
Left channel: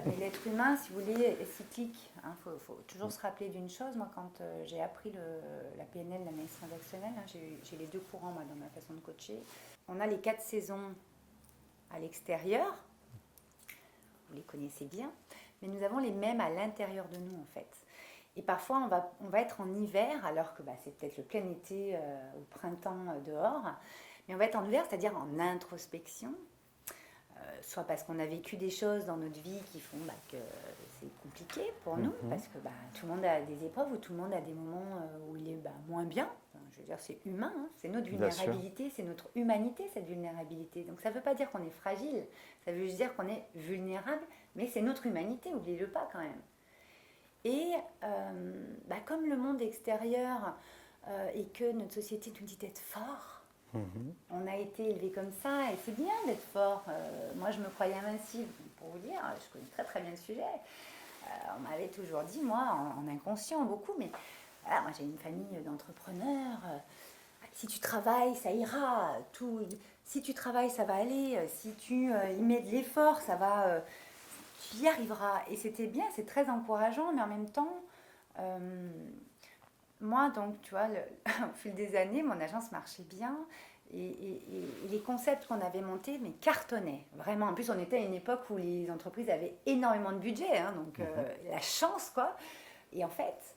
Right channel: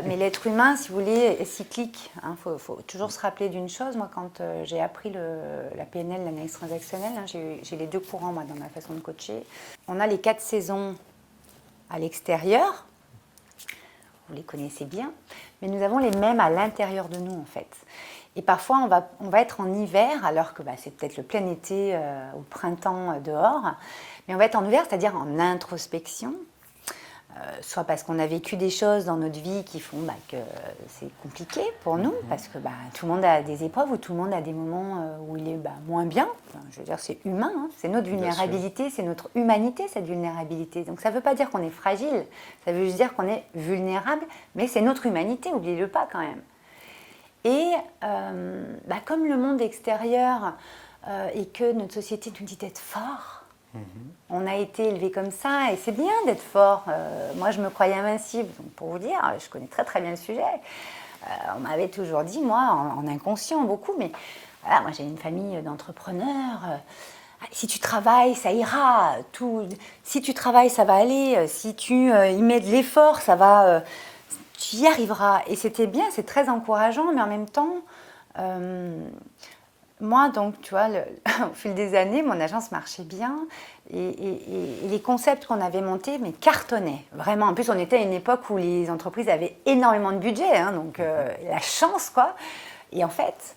Mais l'être humain, si vous voulez, est cyclique. Faut toujours se rappeler d'une chose. Moi, quand j'ai appris la PNL, l'analyse transactionnelle, j'ai les deux courants, moi, dans ma façon de coacher. On a les 4 saisons à l'extérieur. Vous les connaissez bien. Mais nous avons les mêmes à l'intérieur de nous, en fait. Et parfois, on va être en hiver, alors que c'est peut-être le plein été au printemps dehors. Mais on va être en hiver, c'est-à-dire en introspection, soit parce qu'on a vécu des choses dans notre vie qui font que c'est compliqué pour nous, parce que tout le monde a des épreuves ou tout le monde a des moments où il est moins bien. Enfin, je veux dire, c'est humain, hein. C'est notre vulnérabilité, c'est notre humanité, cette vulnérabilité. Donc ça ne veut pas dire qu'on est fragile, ça veut juste dire qu'on est vulnérable, mais c'est notre humanité, n'oubliez-le pas quand même. Et comme le monde extérieur et que notre société nous dit d'être fort, on a été élevé comme ça et c'est bien d'être fort. Moi, je me croyais invincible. Donc, pour vous dire, je connais très très bien le sujet. On m'avait toujours dit, moi, en inconscient beaucoup, mais moi j'ai une famille d'entrepreneurs. Si tu travailles, ça ira. Si tu travailles, ça va aller. Si tu y mets de l'effort, ça va... tu y arriveras. Et c'était bien, c'est très encourageant, mais en même temps... moi, donc, tu vois, au fil des années, mon agence marchait bien et les concepts qu'on avait montés, mais cartonnaient, vraiment. En plus, on était à une époque où les entreprises avaient énormément de budget, donc la chance, quoi. Et en fait,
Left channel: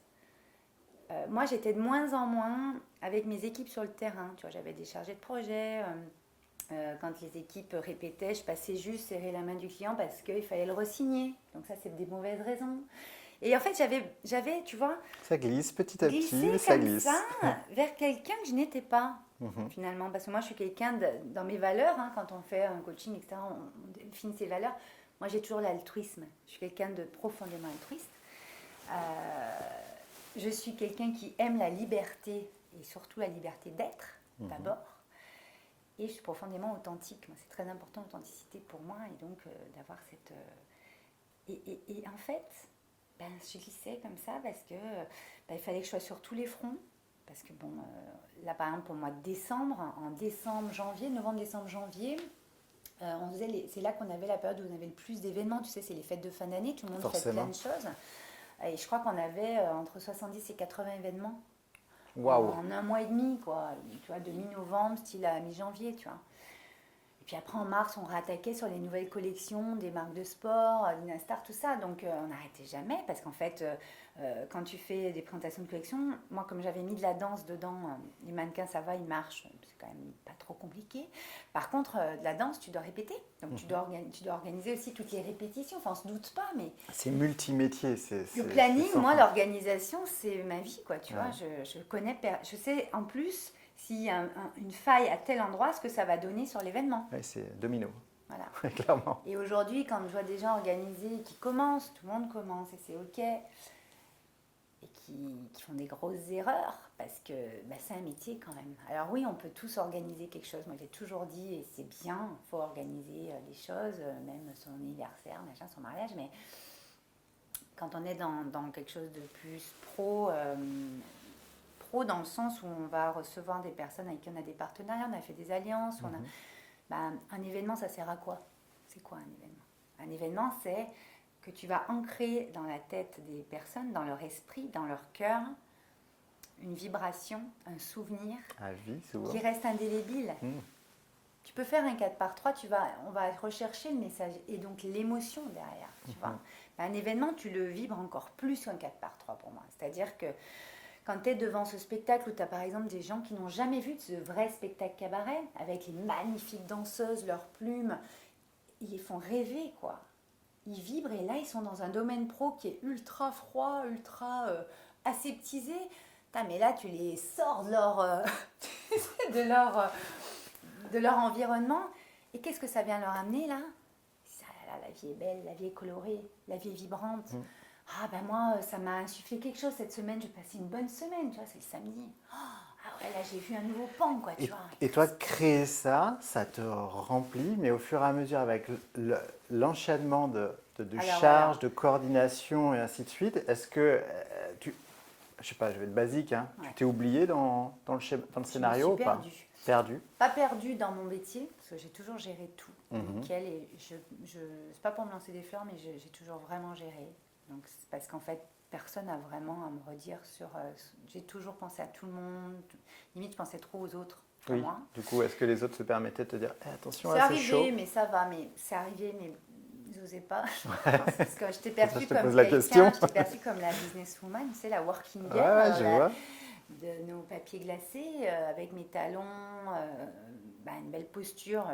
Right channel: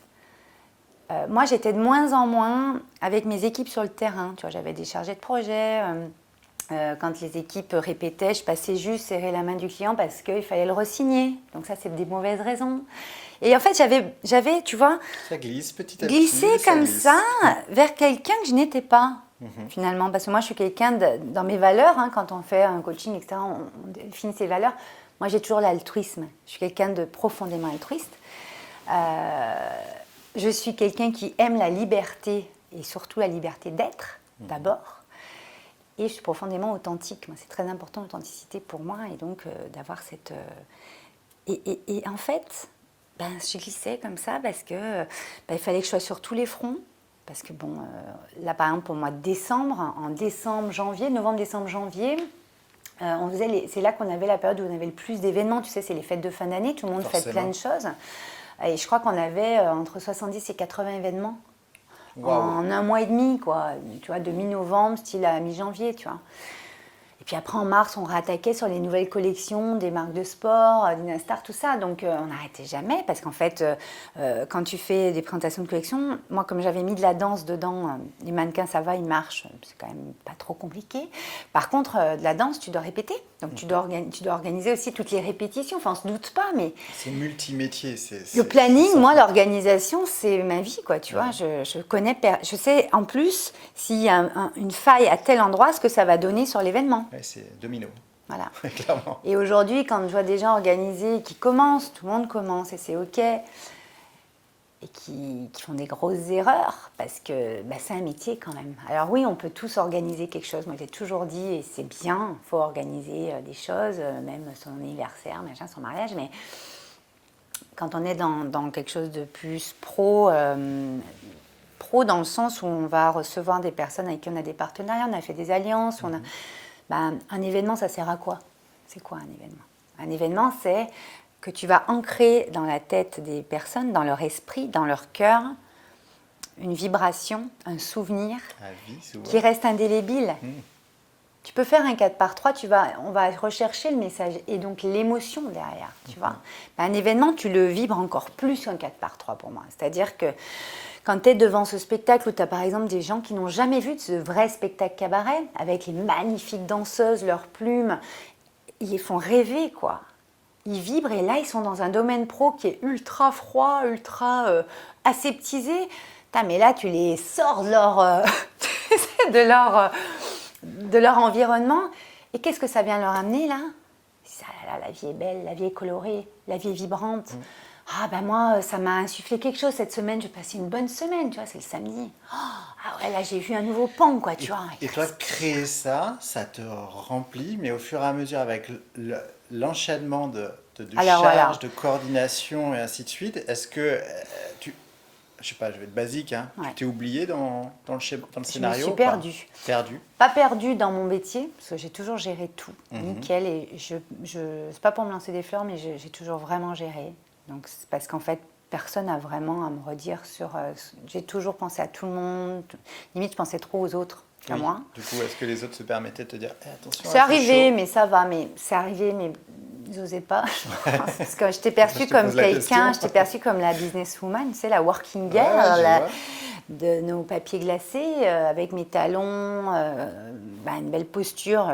moi, j'étais de moins en moins avec mes équipes sur le terrain. Tu vois, j'avais des chargés de projet, Quand les équipes répétaient, je passais juste serrer la main du client parce qu'il fallait le re-signer. Donc ça, c'est des mauvaises raisons. Et en fait, j'avais, tu vois, Ça glisse petit à petit. glissé ça comme glisse. ça vers quelqu'un que je n'étais pas, finalement. Parce que moi, je suis quelqu'un, dans mes valeurs, hein, quand on fait un coaching, etc., on définit ses valeurs. Moi, j'ai toujours l'altruisme. Je suis quelqu'un de profondément altruiste. Je suis quelqu'un qui aime la liberté, et surtout la liberté d'être, d'abord. Et je suis profondément authentique. Moi, c'est très important, l'authenticité pour moi. Et donc, d'avoir cette... Et en fait, je glissais comme ça parce que il fallait que je sois sur tous les fronts. Parce que, bon, là, par exemple, pour le mois de décembre, en décembre, janvier, novembre, décembre, janvier, c'est là qu'on avait la période où on avait le plus d'événements. Tu sais, c'est les fêtes de fin d'année. Tout le monde fait plein de choses. Et je crois qu'on avait entre 70 et 80 événements. Wow. En un mois et demi, quoi, tu vois, de mi-novembre, style à mi-janvier, tu vois. Et puis après, en mars, on réattaquait sur les nouvelles collections des marques de sport, Dynastar, tout ça. Donc, on n'arrêtait jamais parce qu'en fait, quand tu fais des présentations de collection, moi, comme j'avais mis de la danse dedans, les mannequins, ça va, ils marchent, c'est quand même pas trop compliqué. Par contre, de la danse, tu dois répéter. Donc, tu dois organiser aussi toutes les répétitions. Enfin, on se doute pas, mais... C'est multimétier. Le planning, moi, l'organisation, c'est ma vie, quoi, tu vois. Je connais... Je sais, en plus, s'il y a une faille à tel endroit, ce que ça va donner sur l'événement. Oui, c'est domino. Voilà. Clairement. Et aujourd'hui, quand je vois des gens organisés qui commencent, tout le monde commence et c'est OK, et qui font des grosses erreurs, parce que c'est un métier quand même. Alors oui, on peut tous organiser quelque chose. Moi, j'ai toujours dit, et c'est bien, il faut organiser des choses, même son anniversaire, machin, son mariage, mais quand on est dans quelque chose de plus pro dans le sens où on va recevoir des personnes avec qui on a des partenariats, on a fait des alliances, on a... un événement, ça sert à quoi? C'est quoi un événement? Un événement, c'est que tu vas ancrer dans la tête des personnes, dans leur esprit, dans leur cœur, une vibration, un souvenir qui reste indélébile. Tu peux faire un 4x3, on va rechercher le message et donc l'émotion derrière, tu vois. Un événement, tu le vibres encore plus qu'un 4x3 pour moi. C'est-à-dire que quand tu es devant ce spectacle où tu as par exemple des gens qui n'ont jamais vu de ce vrai spectacle cabaret, avec les magnifiques danseuses, leurs plumes, ils les font rêver, quoi. Ils vibrent et là, ils sont dans un domaine pro qui est ultra froid, ultra aseptisé. Mais là, tu les sors de leur environnement. Et qu'est-ce que ça vient leur amener, là? La vie est belle, la vie est colorée, la vie est vibrante. Moi, ça m'a insufflé quelque chose cette semaine, je vais passer une bonne semaine, tu vois, c'est le samedi. Là, j'ai vu un nouveau pan, quoi, tu vois. Et toi, créer ça te remplit, mais au fur et à mesure, avec l'enchaînement de charges, de coordination et ainsi de suite, est-ce que je sais pas, je vais être basique, hein, tu t'es oublié dans le scénario? Je me suis perdue. Pas perdue dans mon métier, parce que j'ai toujours géré tout, nickel, et c'est pas pour me lancer des fleurs, mais j'ai toujours vraiment géré. Donc, c'est parce qu'en fait, personne n'a vraiment à me redire sur... j'ai toujours pensé à tout le monde. Limite, je pensais trop aux autres qu'à moi. Du coup, est-ce que les autres se permettaient de te dire attention, c'est arrivé, mais ça va. Mais c'est arrivé, mais ils n'osaient pas. Parce que je t'ai perçue comme quelqu'un, je t'ai perçue comme la businesswoman, tu sais, la working girl, de nos papiers glacés, avec mes talons, une belle posture.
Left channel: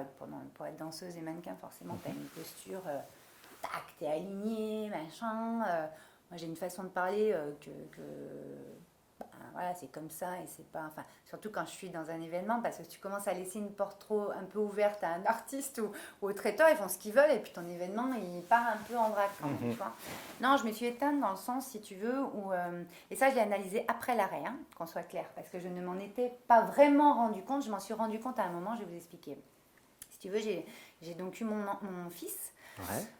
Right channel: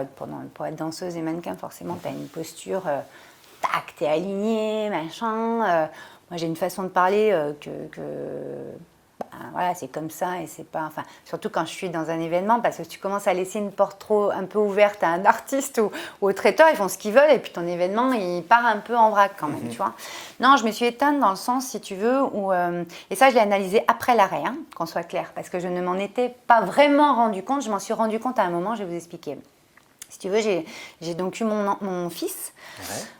Pour être danseuse et mannequin, forcément, tu as une posture... tac, t'es aligné, machin. Moi, j'ai une façon de parler voilà, c'est comme ça et c'est pas... Enfin, surtout quand je suis dans un événement, parce que tu commences à laisser une porte un peu ouverte à un artiste ou au traiteur, ils font ce qu'ils veulent et puis ton événement, il part un peu en vrac quand même, tu vois. Non, je me suis éteinte dans le sens, si tu veux, où... et ça, je l'ai analysé après l'arrêt, hein, qu'on soit clair, parce que je ne m'en étais pas vraiment rendu compte. Je m'en suis rendu compte à un moment, je vais vous expliquer. Si tu veux, j'ai donc eu mon fils.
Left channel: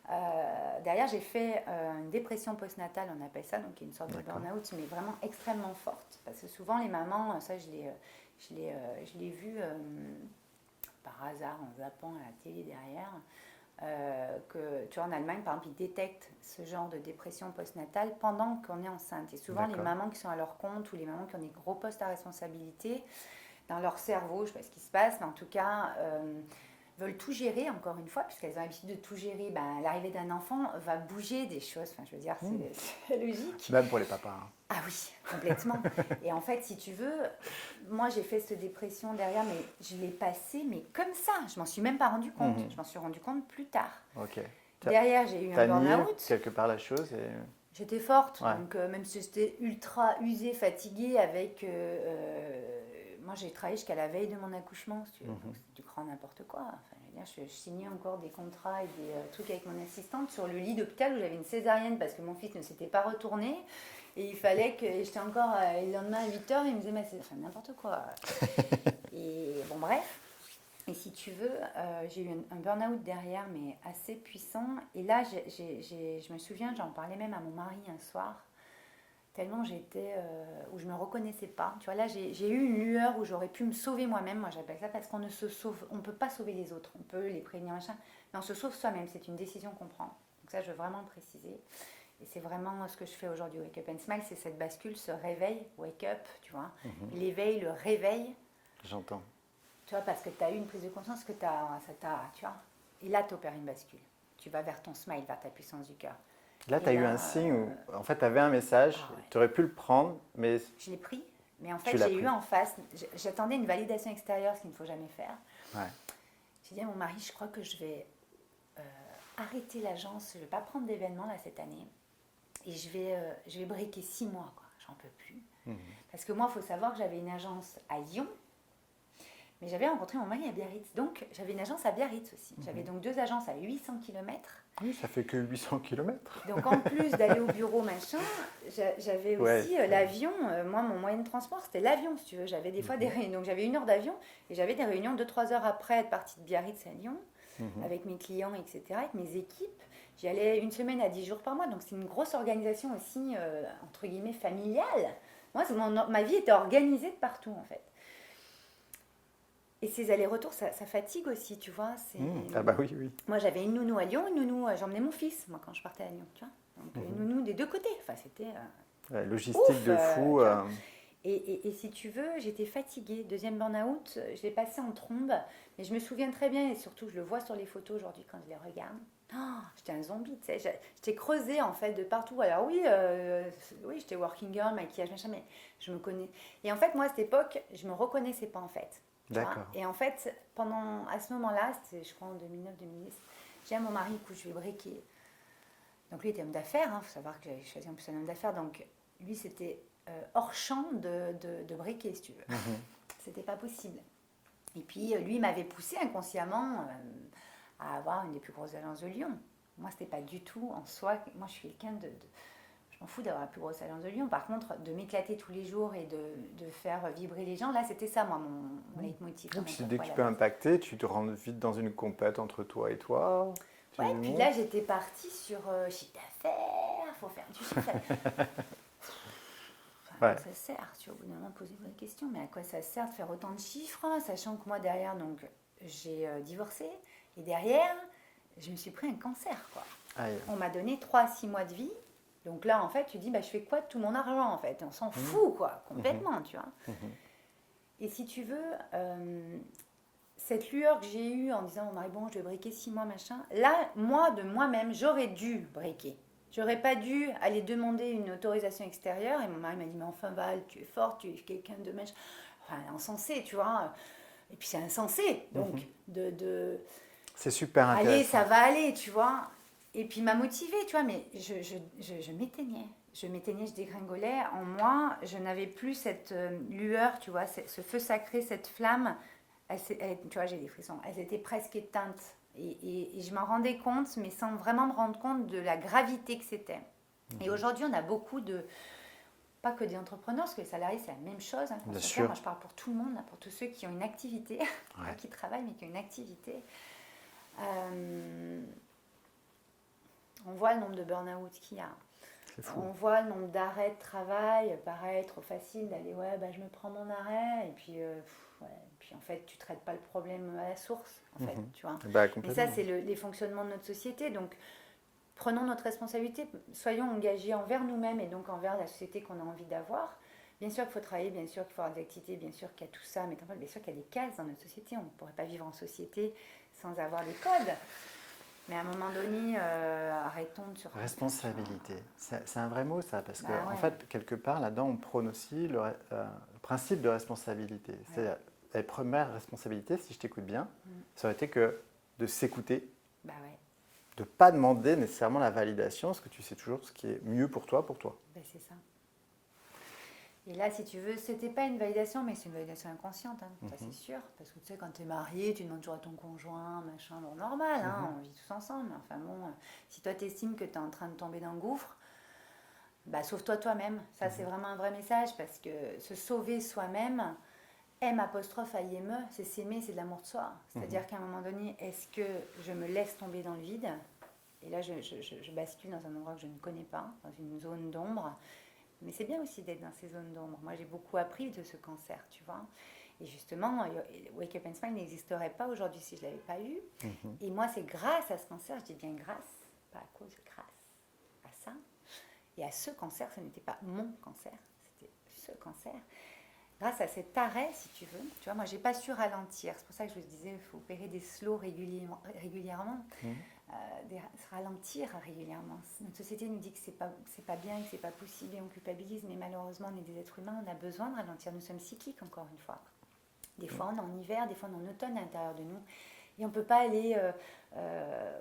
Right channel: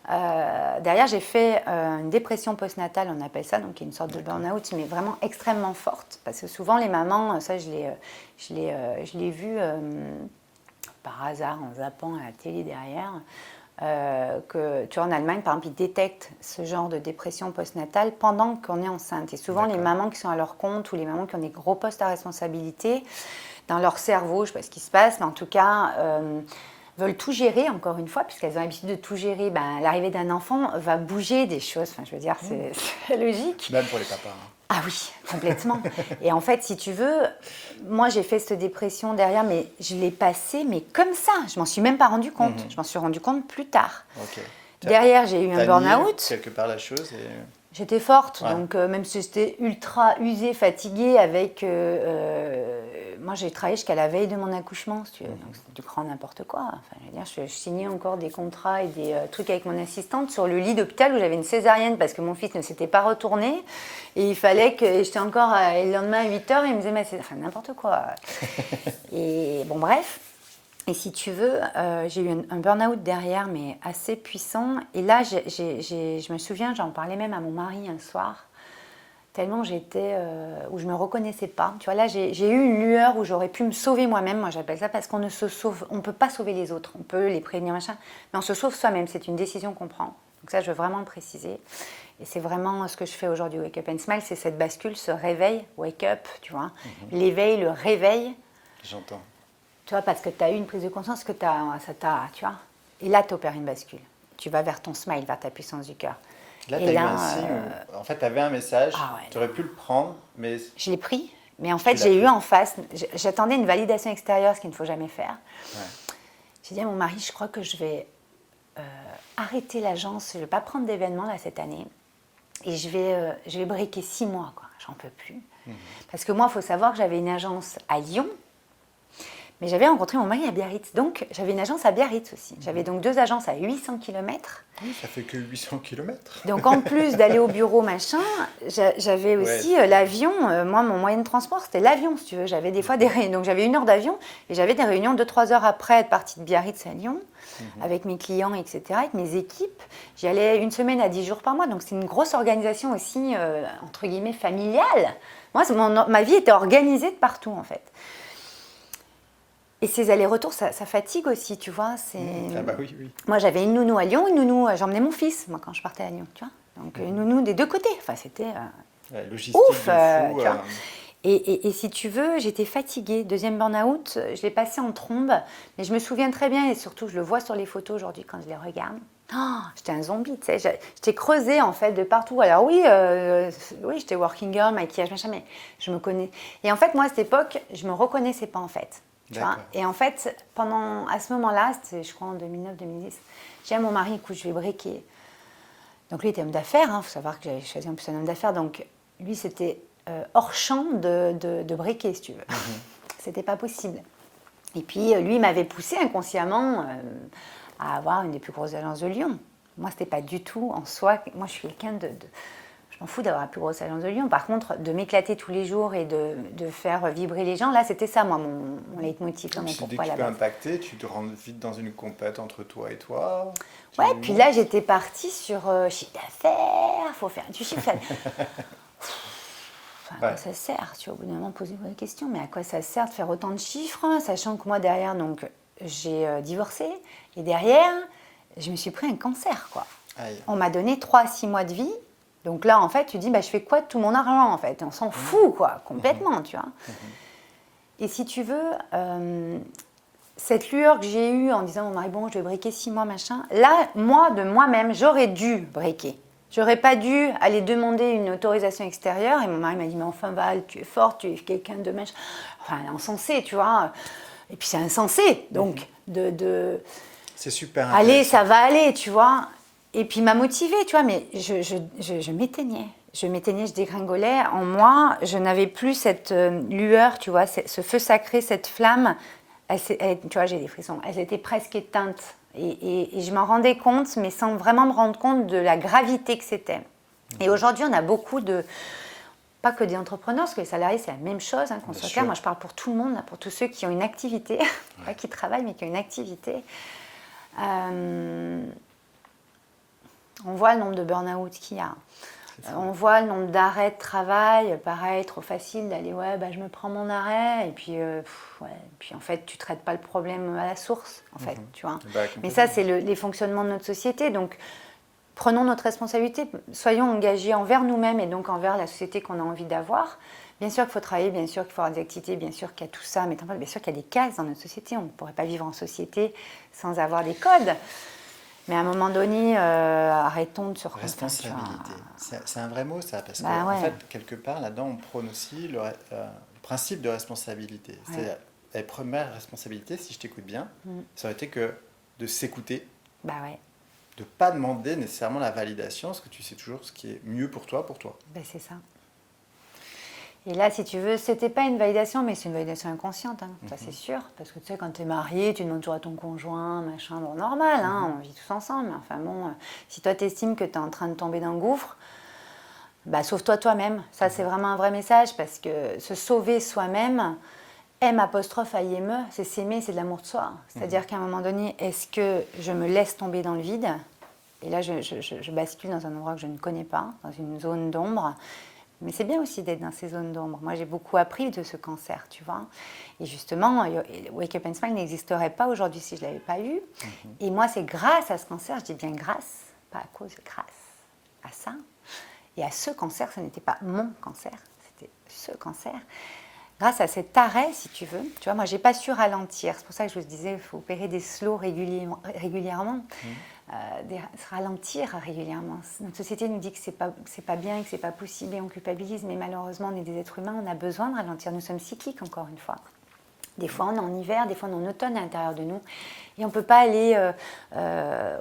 Derrière, j'ai fait une dépression postnatale, on appelle ça, donc une sorte de burn-out, mais vraiment extrêmement forte. Parce que souvent, les mamans, ça, je l'ai vu par hasard en zappant à la télé derrière, que tu vois, en Allemagne, par exemple, ils détectent ce genre de dépression postnatale pendant qu'on est enceinte. Et souvent, les mamans qui sont à leur compte ou les mamans qui ont des gros postes à responsabilité, dans leur cerveau, je ne sais pas ce qui se passe, mais en tout cas... veulent tout gérer, encore une fois, puisqu'elles ont l'habitude de tout gérer. L'arrivée d'un enfant va bouger des choses. Enfin, je veux dire, c'est logique. Même pour les papas. Hein. Ah oui, complètement. Et en fait, si tu veux, moi j'ai fait cette dépression derrière, mais je l'ai passée, mais comme ça. Je m'en suis même pas rendu compte. Je m'en suis rendu compte plus tard. Ok. Derrière, j'ai eu un T'as nié burn-out. quelque part la chose et... J'étais forte, Ouais. donc même si j'étais ultra usée, fatiguée, avec... moi, j'ai travaillé jusqu'à la veille de mon accouchement, si tu veux. Donc, c'était du grand n'importe quoi. Enfin, je veux dire, je signais encore des contrats et des trucs avec mon assistante sur le lit d'hôpital où j'avais une césarienne parce que mon fils ne s'était pas retourné. Et il fallait que... J'étais encore... le lendemain à 8h, il me disait, mais c'est enfin, n'importe quoi. Et bon, bref. Et si tu veux, j'ai eu un burn-out derrière, mais assez puissant. Et là, je me souviens, j'en parlais même à mon mari un soir, tellement j'étais, où je ne me reconnaissais pas. Tu vois, là, j'ai eu une lueur où j'aurais pu me sauver moi-même. Moi, j'appelle ça parce qu'on ne se sauve, on ne peut pas sauver les autres. On peut les prévenir, machin, mais on se sauve soi-même. C'est une décision qu'on prend. Donc ça, je veux vraiment le préciser. Et c'est vraiment ce que je fais aujourd'hui, Wake Up and Smile, c'est cette bascule, ce réveil, wake up, tu vois. L'éveil, le réveil. J'entends. Tu vois, parce que tu as eu une prise de conscience que ça t'a, tu vois. Et là, tu opères une bascule. Tu vas vers ton smile, vers ta puissance du cœur. Là, Et tu as eu là, un signe. En fait, tu avais un message, Ah ouais. tu aurais pu le prendre, mais... Je l'ai pris, mais en fait, l'as j'ai eu pris. en face, j'attendais une validation extérieure, ce qu'il ne faut jamais faire. Ouais. J'ai dit à mon mari, je crois que je vais arrêter l'agence, je ne vais pas prendre d'événements là cette année. Et je vais breaker 6 mois, quoi. J'en peux plus. Parce que moi, il faut savoir que j'avais une agence à Lyon, mais j'avais rencontré mon mari à Biarritz. Donc, j'avais une agence à Biarritz aussi. J'avais donc 2 agences à 800 km. Oui, ça fait que 800 km. Donc, en plus d'aller au bureau, machin, j'avais aussi l'avion. Moi, mon moyen de transport, c'était l'avion, si tu veux. J'avais des fois des réunions. Donc, j'avais 1 heure d'avion et j'avais des réunions 2-3 heures après être partie de Biarritz à Lyon, avec mes clients, etc., avec mes équipes. J'y allais 1 semaine à 10 jours par mois. Donc, c'est une grosse organisation aussi, entre guillemets, familiale. Moi, ma vie était organisée de partout, en fait. Et ces allers-retours, ça fatigue aussi, tu vois. Ah bah oui, oui. Moi, j'avais une nounou à Lyon, une nounou, j'emmenais mon fils, moi, quand je partais à Lyon, tu vois. Donc, une nounou des 2 côtés. Enfin, c'était La logistique ouf, de fou. tu vois. Et si tu veux, j'étais fatiguée. 2e burn-out, je l'ai passé en trombe. Mais je me souviens très bien, et surtout, je le vois sur les photos aujourd'hui quand je les regarde. Oh, j'étais un zombie, tu sais. J'étais creusée, en fait, de partout. Alors oui, j'étais working girl, maquillage, machin, mais je me connais. Et en fait, moi, à cette époque, je me reconnaissais pas, en fait. Tu vois. Et en fait, à ce moment-là, c'était, je crois, en 2009-2010, j'ai dit à mon mari, écoute, je vais breaker. Donc lui, il était homme d'affaires. Il faut savoir que j'avais choisi en plus un homme d'affaires. Donc lui, c'était hors champ de breaker, si tu veux. C'était pas possible. Et puis, lui, il m'avait poussé inconsciemment à avoir une des plus grosses agences de Lyon. Moi, c'était pas du tout en soi. Moi, je suis quelqu'un je m'en fous d'avoir la plus grosse agence de Lyon. Par contre, de m'éclater tous les jours et de faire vibrer les gens, là, c'était ça, moi, mon leitmotiv. Dès que tu peux impacter, tu te rends vite dans une compète entre toi et toi. Ouais, puis là, j'étais partie sur chiffre d'affaires, il faut faire du chiffre d'affaires. À quoi ça sert? Tu vas au bout d'un moment poser la question, mais à quoi ça sert de faire autant de chiffres, sachant que moi, derrière, donc, j'ai divorcé, et derrière, je me suis pris un cancer, quoi. Aïe. On m'a donné 3 à 6 mois de vie. Donc là, en fait, tu dis, je fais quoi de tout mon argent, en fait? On s'en fout, quoi, complètement, tu vois. Et si tu veux, cette lueur que j'ai eue en disant, mon mari, bon, je vais breaker 6 mois, machin, là, moi, de moi-même, j'aurais dû breaker. J'aurais pas dû aller demander une autorisation extérieure. Et mon mari m'a dit, mais enfin, Val, tu es forte, tu es quelqu'un de machin. Enfin, insensé, tu vois. Et puis, c'est insensé, donc, C'est super allez, ça va aller, tu vois. Et puis, il m'a motivée, tu vois, mais je m'éteignais. Je m'éteignais, je dégringolais. En moi, je n'avais plus cette lueur, tu vois, ce feu sacré, cette flamme. Tu vois, j'ai des frissons. Elle était presque éteinte. Et je m'en rendais compte, mais sans vraiment me rendre compte de la gravité que c'était. Et aujourd'hui, on a beaucoup pas que des entrepreneurs, parce que les salariés, c'est la même chose, hein, qu'on soit clair. Moi, je parle pour tout le monde, là, pour tous ceux qui ont une activité, pas qui travaillent, mais qui ont une activité. On voit le nombre de burn-out qu'il y a. On voit le nombre d'arrêts de travail. Pareil, trop facile d'aller, je me prends mon arrêt. Et puis, puis en fait, tu ne traites pas le problème à la source, en fait, tu vois. Mais ça, c'est les fonctionnements de notre société. Donc, prenons notre responsabilité. Soyons engagés envers nous-mêmes et donc envers la société qu'on a envie d'avoir. Bien sûr qu'il faut travailler, bien sûr qu'il faut avoir des activités, bien sûr qu'il y a tout ça. Mais bien sûr qu'il y a des cases dans notre société. On ne pourrait pas vivre en société sans avoir des codes. Mais à un moment donné, arrêtons de se reconnaître. Responsabilité. C'est un vrai mot, ça, parce Bah, qu'en ouais. fait, quelque part, là-dedans, on prône aussi le principe de responsabilité. Ouais. C'est la première responsabilité, si je t'écoute bien, ça aurait été que de s'écouter, Bah ouais, de ne pas demander nécessairement la validation, parce que tu sais toujours ce qui est mieux pour toi, bah c'est ça. Et là, si tu veux, c'était pas une validation, mais c'est une validation inconsciente, hein, ça c'est sûr. Parce que tu sais, quand tu es marié, tu demandes toujours à ton conjoint, machin, bon, normal, hein, on vit tous ensemble. Mais enfin bon, si toi t'estimes que tu es en train de tomber d'un gouffre, bah sauve-toi toi-même. Ça, c'est vraiment un vrai message, parce que se sauver soi-même, M', c'est s'aimer, c'est de l'amour de soi. C'est-à-dire qu'à un moment donné, est-ce que je me laisse tomber dans le vide? Et là, je bascule dans un endroit que je ne connais pas, dans une zone d'ombre. Mais c'est bien aussi d'être dans ces zones d'ombre. Moi, j'ai beaucoup appris de ce cancer, tu vois. Et justement, Wake Up and Smile n'existerait pas aujourd'hui si je ne l'avais pas eu. Et moi, c'est grâce à ce cancer, je dis bien grâce, pas à cause, grâce à ça. Et à ce cancer, ce n'était pas mon cancer, c'était ce cancer. Grâce à cet arrêt, si tu veux, tu vois, moi, je n'ai pas su ralentir. C'est pour ça que je vous disais, il faut opérer des slows régulièrement. Se ralentir régulièrement. Notre société nous dit que c'est pas bien et que c'est pas possible et on culpabilise, mais malheureusement, on est des êtres humains, on a besoin de ralentir. Nous sommes cycliques, encore une fois. Des fois, on est en hiver, des fois, on est en automne à l'intérieur de nous. Et on ne peut pas aller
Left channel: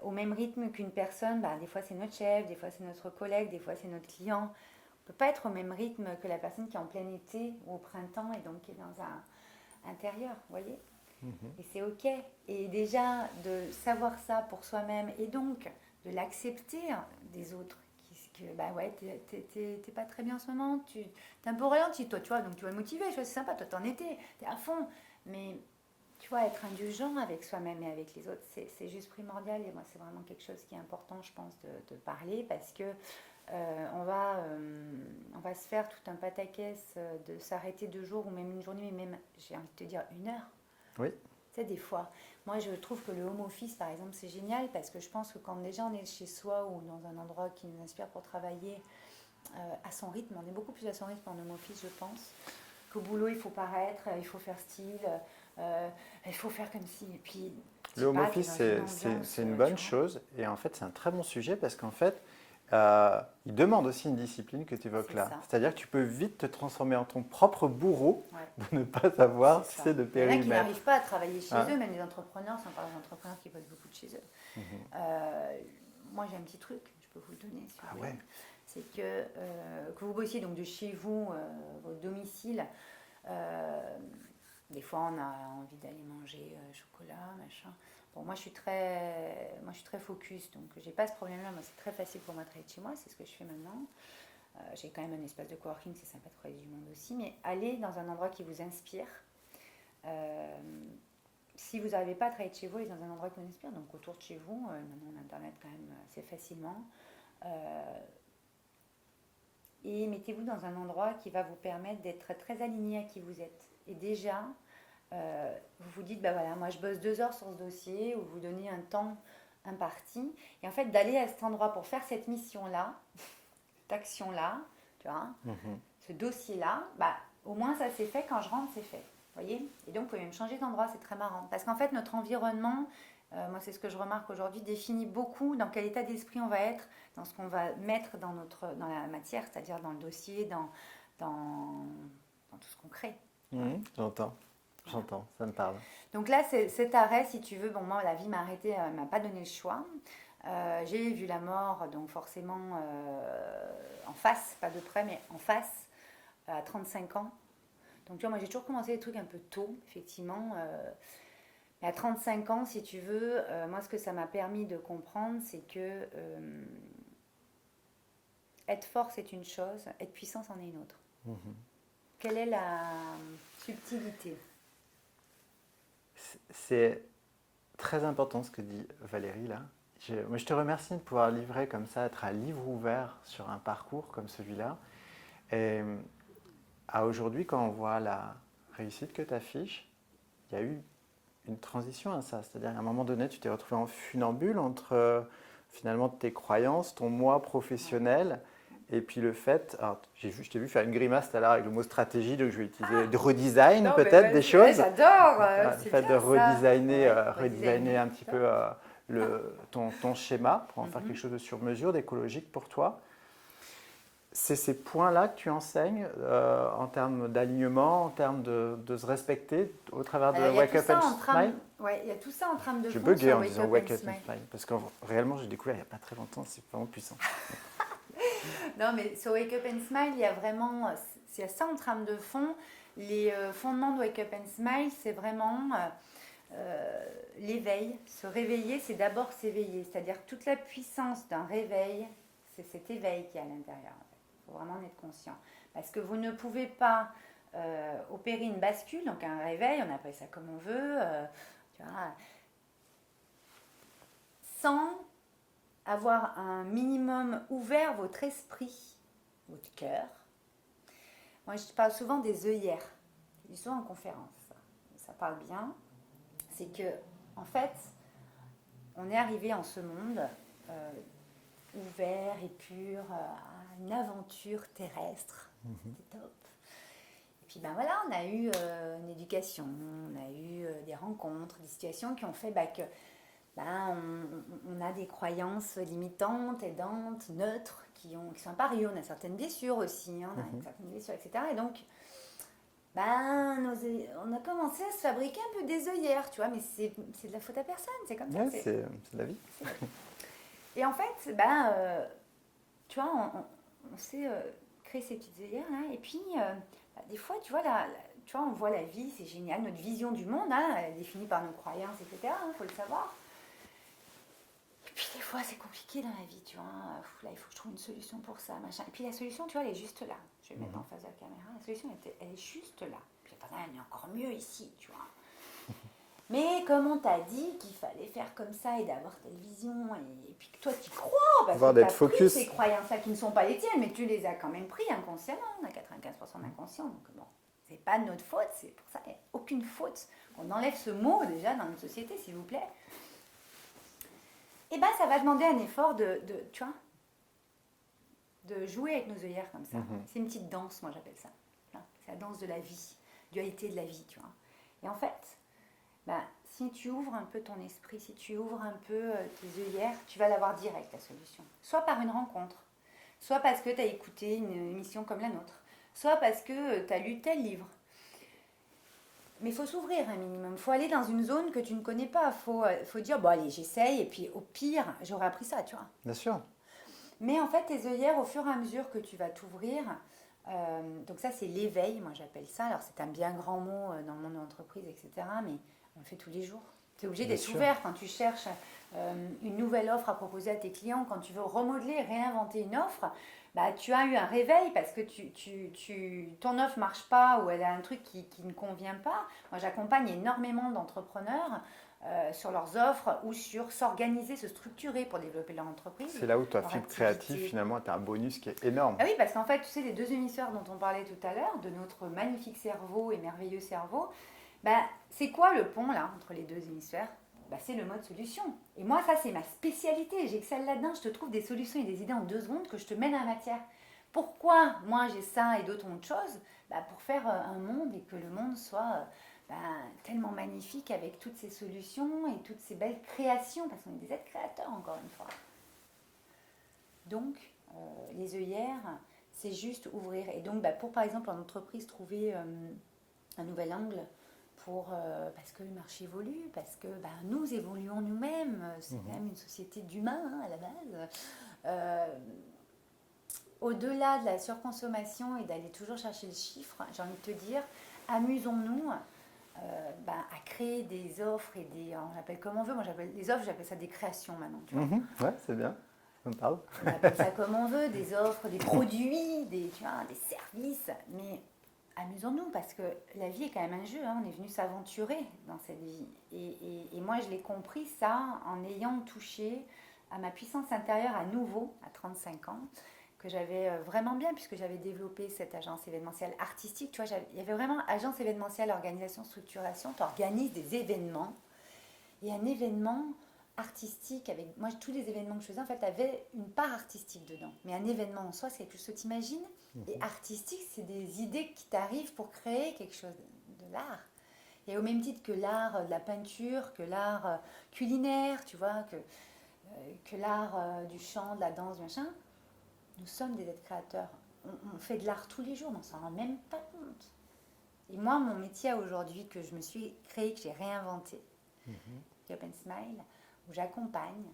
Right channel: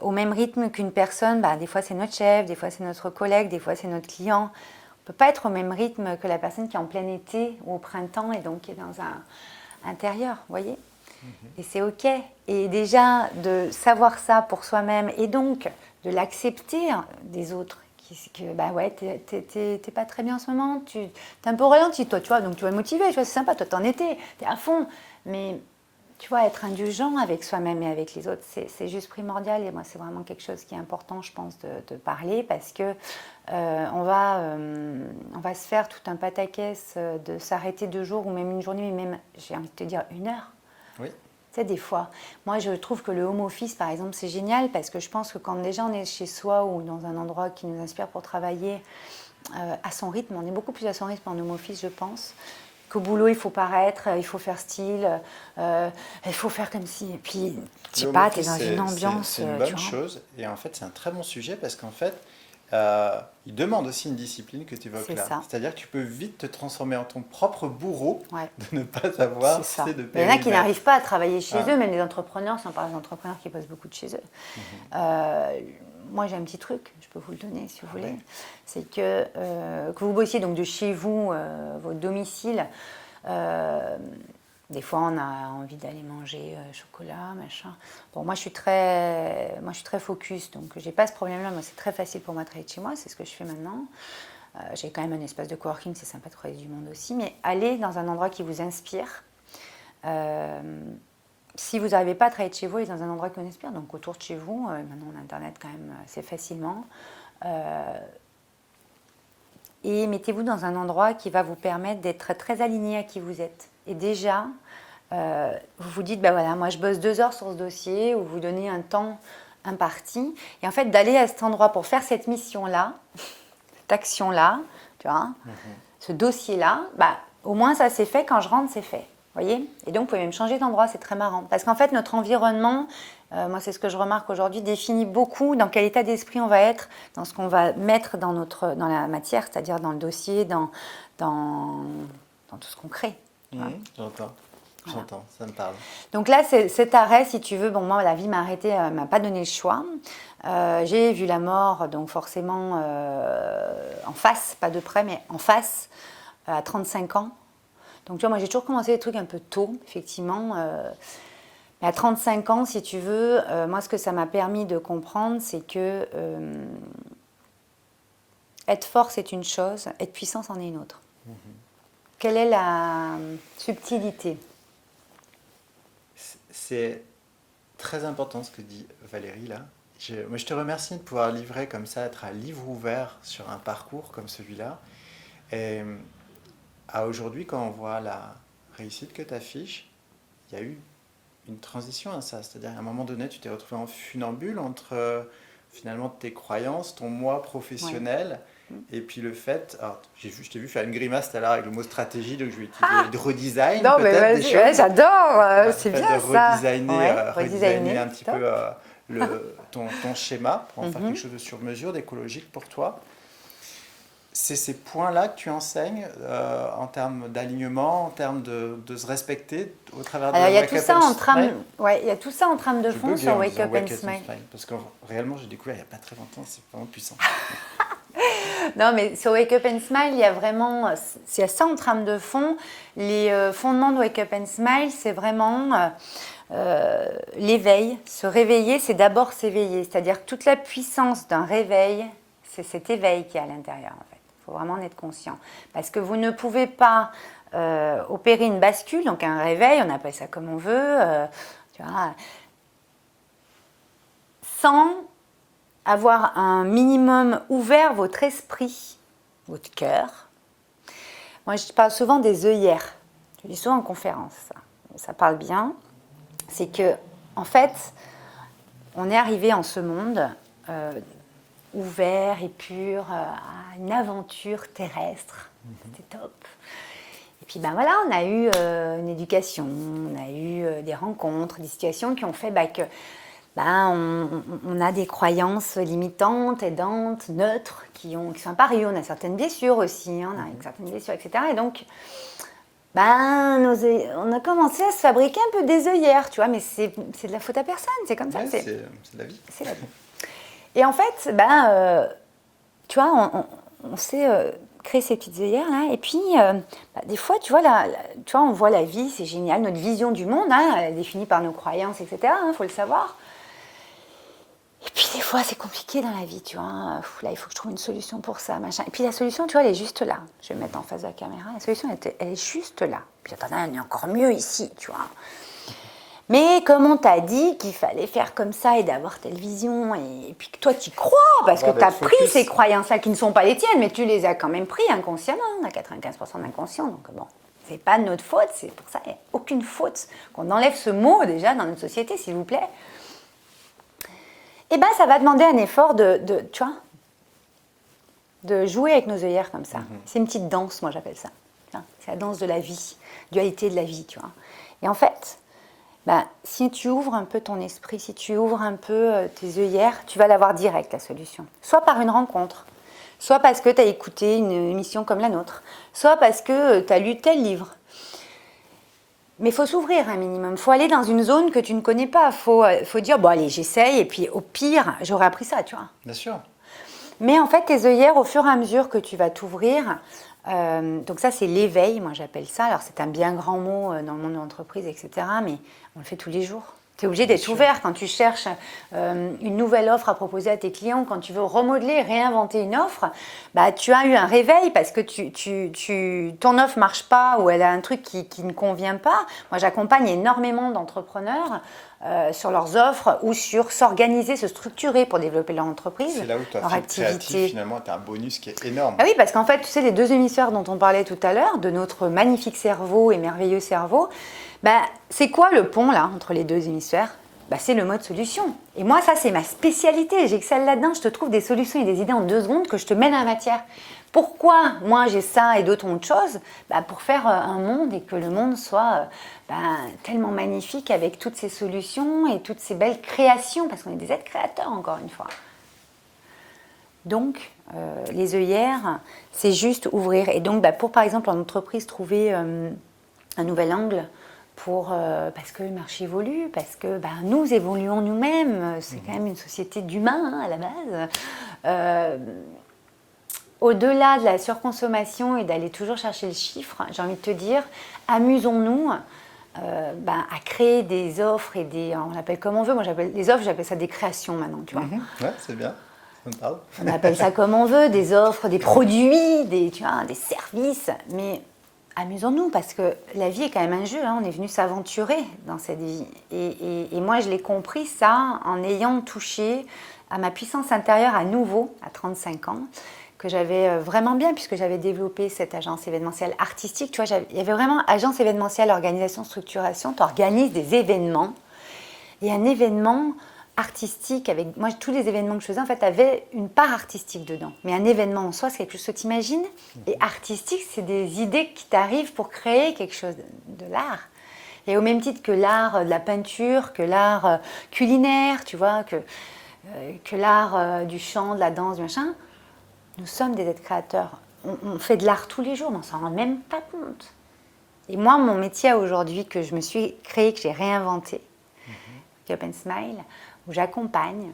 au même rythme qu'une personne. Bah, des fois, c'est notre chef, des fois, c'est notre collègue, des fois, c'est notre client. On ne peut pas être au même rythme que la personne qui est en plein été ou au printemps et donc qui est dans un intérieur, vous voyez. Et c'est OK. Et déjà, de savoir ça pour soi-même et donc de l'accepter des autres. Que, bah ouais, t'es pas très bien en ce moment, t'es un peu ralenti, toi, tu vois, donc tu vas être motivé, tu vois, c'est sympa, toi, t'en étais, t'es à fond. Mais tu vois, être indulgent avec soi-même et avec les autres, c'est juste primordial. Et moi, c'est vraiment quelque chose qui est important, je pense, de parler parce que on va se faire tout un pataquès de s'arrêter 2 jours ou même une journée, mais même, j'ai envie de te dire, 1 heure. Oui. Tu sais, des fois, moi je trouve que le home office, par exemple, c'est génial parce que je pense que quand déjà on est chez soi ou dans un endroit qui nous inspire pour travailler à son rythme, on est beaucoup plus à son rythme en home office, je pense. Qu'au boulot, il faut paraître, il faut faire style, il faut faire comme si. Et puis, je sais pas, tu es dans une ambiance. C'est une bonne chose et en fait, c'est un très bon sujet parce qu'en fait, il demande aussi une discipline que tu évoques là. C'est-à-dire que tu peux vite te transformer en ton propre bourreau, de ne pas savoir c'est ça. de Il y en a qui n'arrivent pas à travailler chez eux, même les entrepreneurs, sans parler des entrepreneurs qui bossent beaucoup de chez eux. Moi, j'ai un petit truc, je peux vous le donner si vous voulez. Ouais. C'est que vous bossiez donc de chez vous, votre domicile, des fois, on a envie d'aller manger chocolat, machin. Bon, moi, je suis très focus, donc j'ai pas ce problème-là. Moi, c'est très facile pour moi de travailler de chez moi. C'est ce que je fais maintenant. J'ai quand même un espace de coworking, c'est sympa de croiser du monde aussi. Mais allez dans un endroit qui vous inspire. Si vous n'arrivez pas à travailler de chez vous, allez dans un endroit qui vous inspire. Donc, autour de chez vous, maintenant, on a Internet quand même assez facilement. Et mettez-vous dans un endroit qui va vous permettre d'être très aligné à qui vous êtes. Et déjà, vous vous dites, ben voilà, moi je bosse 2 heures sur ce dossier, ou vous donnez un temps imparti. Et en fait, d'aller à cet endroit pour faire cette mission-là, cette action-là, tu vois, ce dossier-là, bah, au moins ça c'est fait, quand je rentre, c'est fait. Voyez. Et donc, vous pouvez même changer d'endroit, c'est très marrant. Parce qu'en fait, notre environnement, moi c'est ce que je remarque aujourd'hui, définit beaucoup dans quel état d'esprit on va être, dans ce qu'on va mettre dans la matière, c'est-à-dire dans le dossier, dans tout ce qu'on crée. J'entends. Voilà. J'entends, ça me parle. Donc là, cet arrêt, si tu veux, bon, moi, la vie m'a arrêtée, elle ne m'a pas donné le choix. J'ai vu la mort, donc forcément en face, pas de près, mais en face, à 35 ans. Donc tu vois, moi, j'ai toujours commencé des trucs un peu tôt, effectivement. Mais à 35 ans, si tu veux, moi, ce que ça m'a permis de comprendre, c'est que être fort, c'est une chose, être puissant, c'en est une autre. Quelle est la subtilité ? C'est très important ce que dit Valérie là. Je te remercie de pouvoir livrer comme ça, être un livre ouvert sur un parcours comme celui-là. Et à aujourd'hui, quand on voit la réussite que tu affiches, il y a eu une transition à ça. C'est-à-dire qu'à un moment donné, tu t'es retrouvé en funambule entre finalement tes croyances, ton moi professionnel. Ouais. Et puis le fait, alors je t'ai vu faire une grimace tout à l'heure avec le mot stratégie, donc je vais utiliser de redesign peut-être des choses. Ouais, j'adore, c'est bien ça. Redesigner un petit peu ton schéma pour en faire quelque chose de sur mesure, d'écologique pour toi. C'est ces points-là que tu enseignes en termes d'alignement, en termes de se respecter au travers de Alors, Wake Up and Smile. il y a tout ça en trame de fond sur Wake Up and Smile. Parce que réellement, j'ai découvert il n'y a pas très longtemps, c'est vraiment puissant. Non, mais sur Wake Up and Smile, il y a ça en trame de fond. Les fondements de Wake Up and Smile, c'est vraiment l'éveil. Se réveiller, c'est d'abord s'éveiller. C'est-à-dire que toute la puissance d'un réveil, c'est cet éveil qui est à l'intérieur, en fait. Il faut vraiment en être conscient. Parce que vous ne pouvez pas opérer une bascule, donc un réveil, on appelle ça comme on veut, tu vois, sans avoir un minimum ouvert votre esprit, votre cœur. Moi, je parle souvent des œillères. Je dis souvent en conférence, ça parle bien. C'est que, en fait, on est arrivé en ce monde ouvert et pur à une aventure terrestre. C'était top. Et puis, ben voilà, on a eu une éducation, on a eu des rencontres, des situations qui ont fait que on a des croyances limitantes, aidantes, neutres, qui sont apparues. On a certaines blessures aussi, on a certaines blessures, etc. Et donc, on a commencé à se fabriquer un peu des œillères, tu vois, mais c'est de la faute à personne, c'est comme ça. C'est de la vie. C'est la vie. Et en fait, tu vois, on s'est créé ces petites œillères là, et puis des fois, tu vois, on voit la vie, c'est génial, notre vision du monde, elle est définie par nos croyances, etc. Faut le savoir. Et puis des fois, c'est compliqué dans la vie, tu vois. Là, il faut que je trouve une solution pour ça, machin. Et puis la solution, tu vois, elle est juste là. Je vais me mettre en face de la caméra. La solution, elle est juste là. Puis attends, elle est encore mieux ici, tu vois. Mais comme on t'a dit qu'il fallait faire comme ça et d'avoir telle vision, et puis que toi, tu y crois, parce que tu as pris ces croyances-là qui ne sont pas les tiennes, mais tu les as quand même pris inconsciemment. On a 95% d'inconscient, donc bon, c'est pas de notre faute. C'est pour ça qu'il n'y a aucune faute. Qu'on enlève ce mot déjà dans notre société, s'il vous plaît. Et ça va demander un effort tu vois, de jouer avec nos œillères comme ça. C'est une petite danse, moi j'appelle ça. C'est la danse de la vie, dualité de la vie, tu vois. Et en fait, si tu ouvres un peu ton esprit, si tu ouvres un peu tes œillères, tu vas l'avoir direct, la solution. Soit par une rencontre, soit parce que tu as écouté une émission comme la nôtre, soit parce que tu as lu tel livre. Mais il faut s'ouvrir un minimum. Il faut aller dans une zone que tu ne connais pas. Il faut dire, bon allez, j'essaye, et puis au pire, j'aurai appris ça, tu vois. Bien sûr. Mais en fait, tes œillères, au fur et à mesure que tu vas t'ouvrir, donc ça, c'est l'éveil, moi j'appelle ça. Alors c'est un bien grand mot dans le monde de l'entreprise, etc. Mais on le fait tous les jours. Tu es obligé d'être ouvert quand tu cherches une nouvelle offre à proposer à tes clients, quand tu veux remodeler, réinventer une offre, tu as eu un réveil parce que ton offre ne marche pas ou elle a un truc qui ne convient pas. Moi, j'accompagne énormément d'entrepreneurs sur leurs offres ou sur s'organiser, se structurer pour développer leur entreprise, c'est là où toi, leur activité. Créatif, finalement, tu as un bonus qui est énorme. Ah oui, parce qu'en fait, tu sais, les deux hémisphères dont on parlait tout à l'heure, de notre magnifique cerveau et merveilleux cerveau, c'est quoi le pont là entre les deux hémisphères ? C'est le mode solution. Et moi, ça, c'est ma spécialité. J'excelle là-dedans. Je te trouve des solutions et des idées en 2 secondes que je te mets dans la matière. Pourquoi moi j'ai ça et d'autres ont autre chose ? Pour faire un monde et que le monde soit tellement magnifique avec toutes ces solutions et toutes ces belles créations, parce qu'on est des êtres créateurs, encore une fois. Donc, les œillères, c'est juste ouvrir. Et donc, pour, par exemple, en entreprise, trouver un nouvel angle parce que le marché évolue, parce que nous évoluons nous-mêmes. C'est quand même une société d'humains, à la base. Au-delà de la surconsommation et d'aller toujours chercher le chiffre, j'ai envie de te dire, amusons-nous à créer des offres et on appelle comme on veut. Moi, les offres, j'appelle ça des créations maintenant, tu vois. Ouais, c'est bien. Ça me parle. On appelle ça comme on veut, des offres, des produits, des services. Mais amusons-nous, parce que la vie est quand même un jeu. On est venu s'aventurer dans cette vie. Et moi, je l'ai compris ça en ayant touché à ma puissance intérieure à nouveau, à 35 ans, que j'avais vraiment bien, puisque j'avais développé cette agence événementielle artistique. Tu vois, il y avait vraiment agence événementielle, organisation, structuration. Tu organises des événements. Et un événement artistique, avec moi, tous les événements que je faisais, en fait, avaient une part artistique dedans. Mais un événement en soi, c'est quelque chose que tu imagines. Et artistique, c'est des idées qui t'arrivent pour créer quelque chose de l'art. Et au même titre que l'art de la peinture, que l'art culinaire, tu vois, que l'art du chant, de la danse, du machin, nous sommes des êtres créateurs. On fait de l'art tous les jours, mais on ne s'en rend même pas compte. Et moi, mon métier aujourd'hui que je me suis créé, que j'ai réinventé, Cup and Smile, où j'accompagne,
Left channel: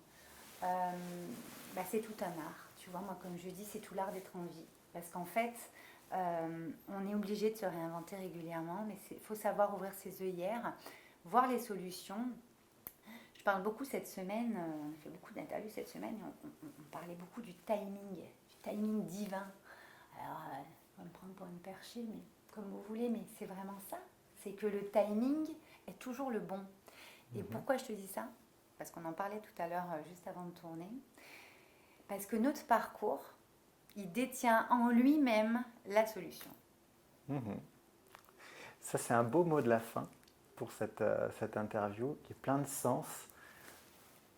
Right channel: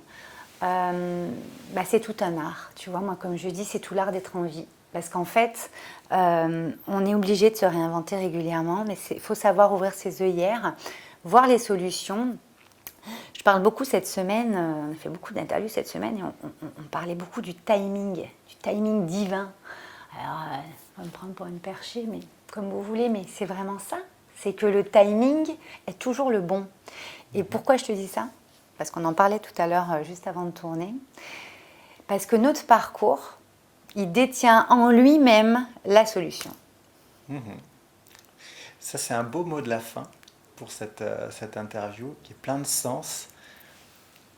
c'est tout un art. Tu vois, moi, comme je dis, c'est tout l'art d'être en vie. Parce qu'en fait, on est obligé de se réinventer régulièrement, mais il faut savoir ouvrir ses œillères, voir les solutions. Je parle beaucoup cette semaine, on a fait beaucoup d'interviews cette semaine, et on parlait beaucoup du timing divin. Alors, on va me prendre pour une perchée, mais comme vous voulez, mais c'est vraiment ça. C'est que le timing est toujours le bon. Et pourquoi je te dis ça? Parce qu'on en parlait tout à l'heure, juste avant de tourner. Parce que notre parcours, il détient en lui-même la solution. Ça, c'est un beau mot de la fin pour cette interview qui est plein de sens.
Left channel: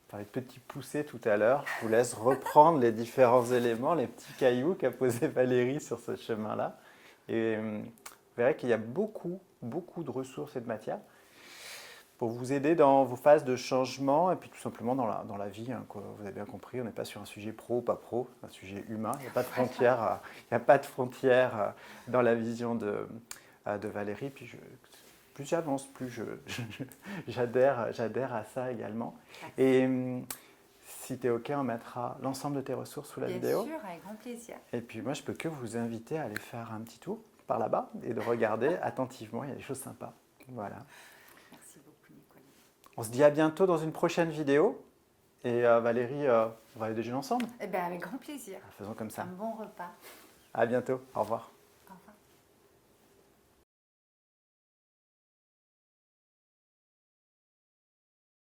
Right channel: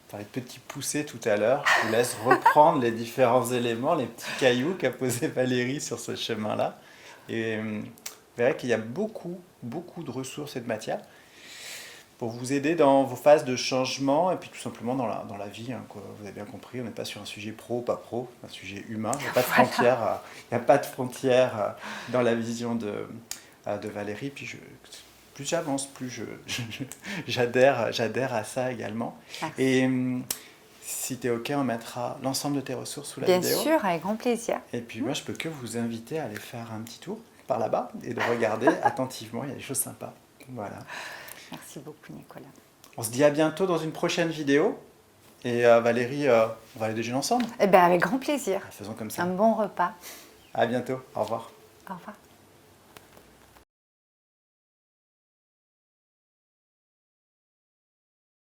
On parlait de petits poussés tout à l'heure. Je vous laisse reprendre les différents éléments, les petits cailloux qu'a posé Valérie sur ce chemin-là. Et vous verrez qu'il y a beaucoup de ressources et de matières pour vous aider dans vos phases de changement et puis tout simplement dans la vie. Hein, quoi. Vous avez bien compris, on n'est pas sur un sujet pro, pas pro, un sujet humain. Il n'y a pas de frontières, dans la vision de Valérie. Puis plus j'avance, plus j'adhère à ça également. Merci. Et si tu es OK, on mettra l'ensemble de tes ressources sous la vidéo. Bien sûr, avec grand plaisir. Et puis moi, je peux que vous inviter à aller faire un petit tour par là-bas et de regarder attentivement. Il y a des choses sympas. Voilà. Merci beaucoup, Nicolas. On se dit à bientôt dans une prochaine vidéo. Et Valérie, on va aller déjeuner ensemble. Eh bien, avec grand plaisir. Faisons comme ça. Un bon repas. À bientôt. Au revoir. Au revoir.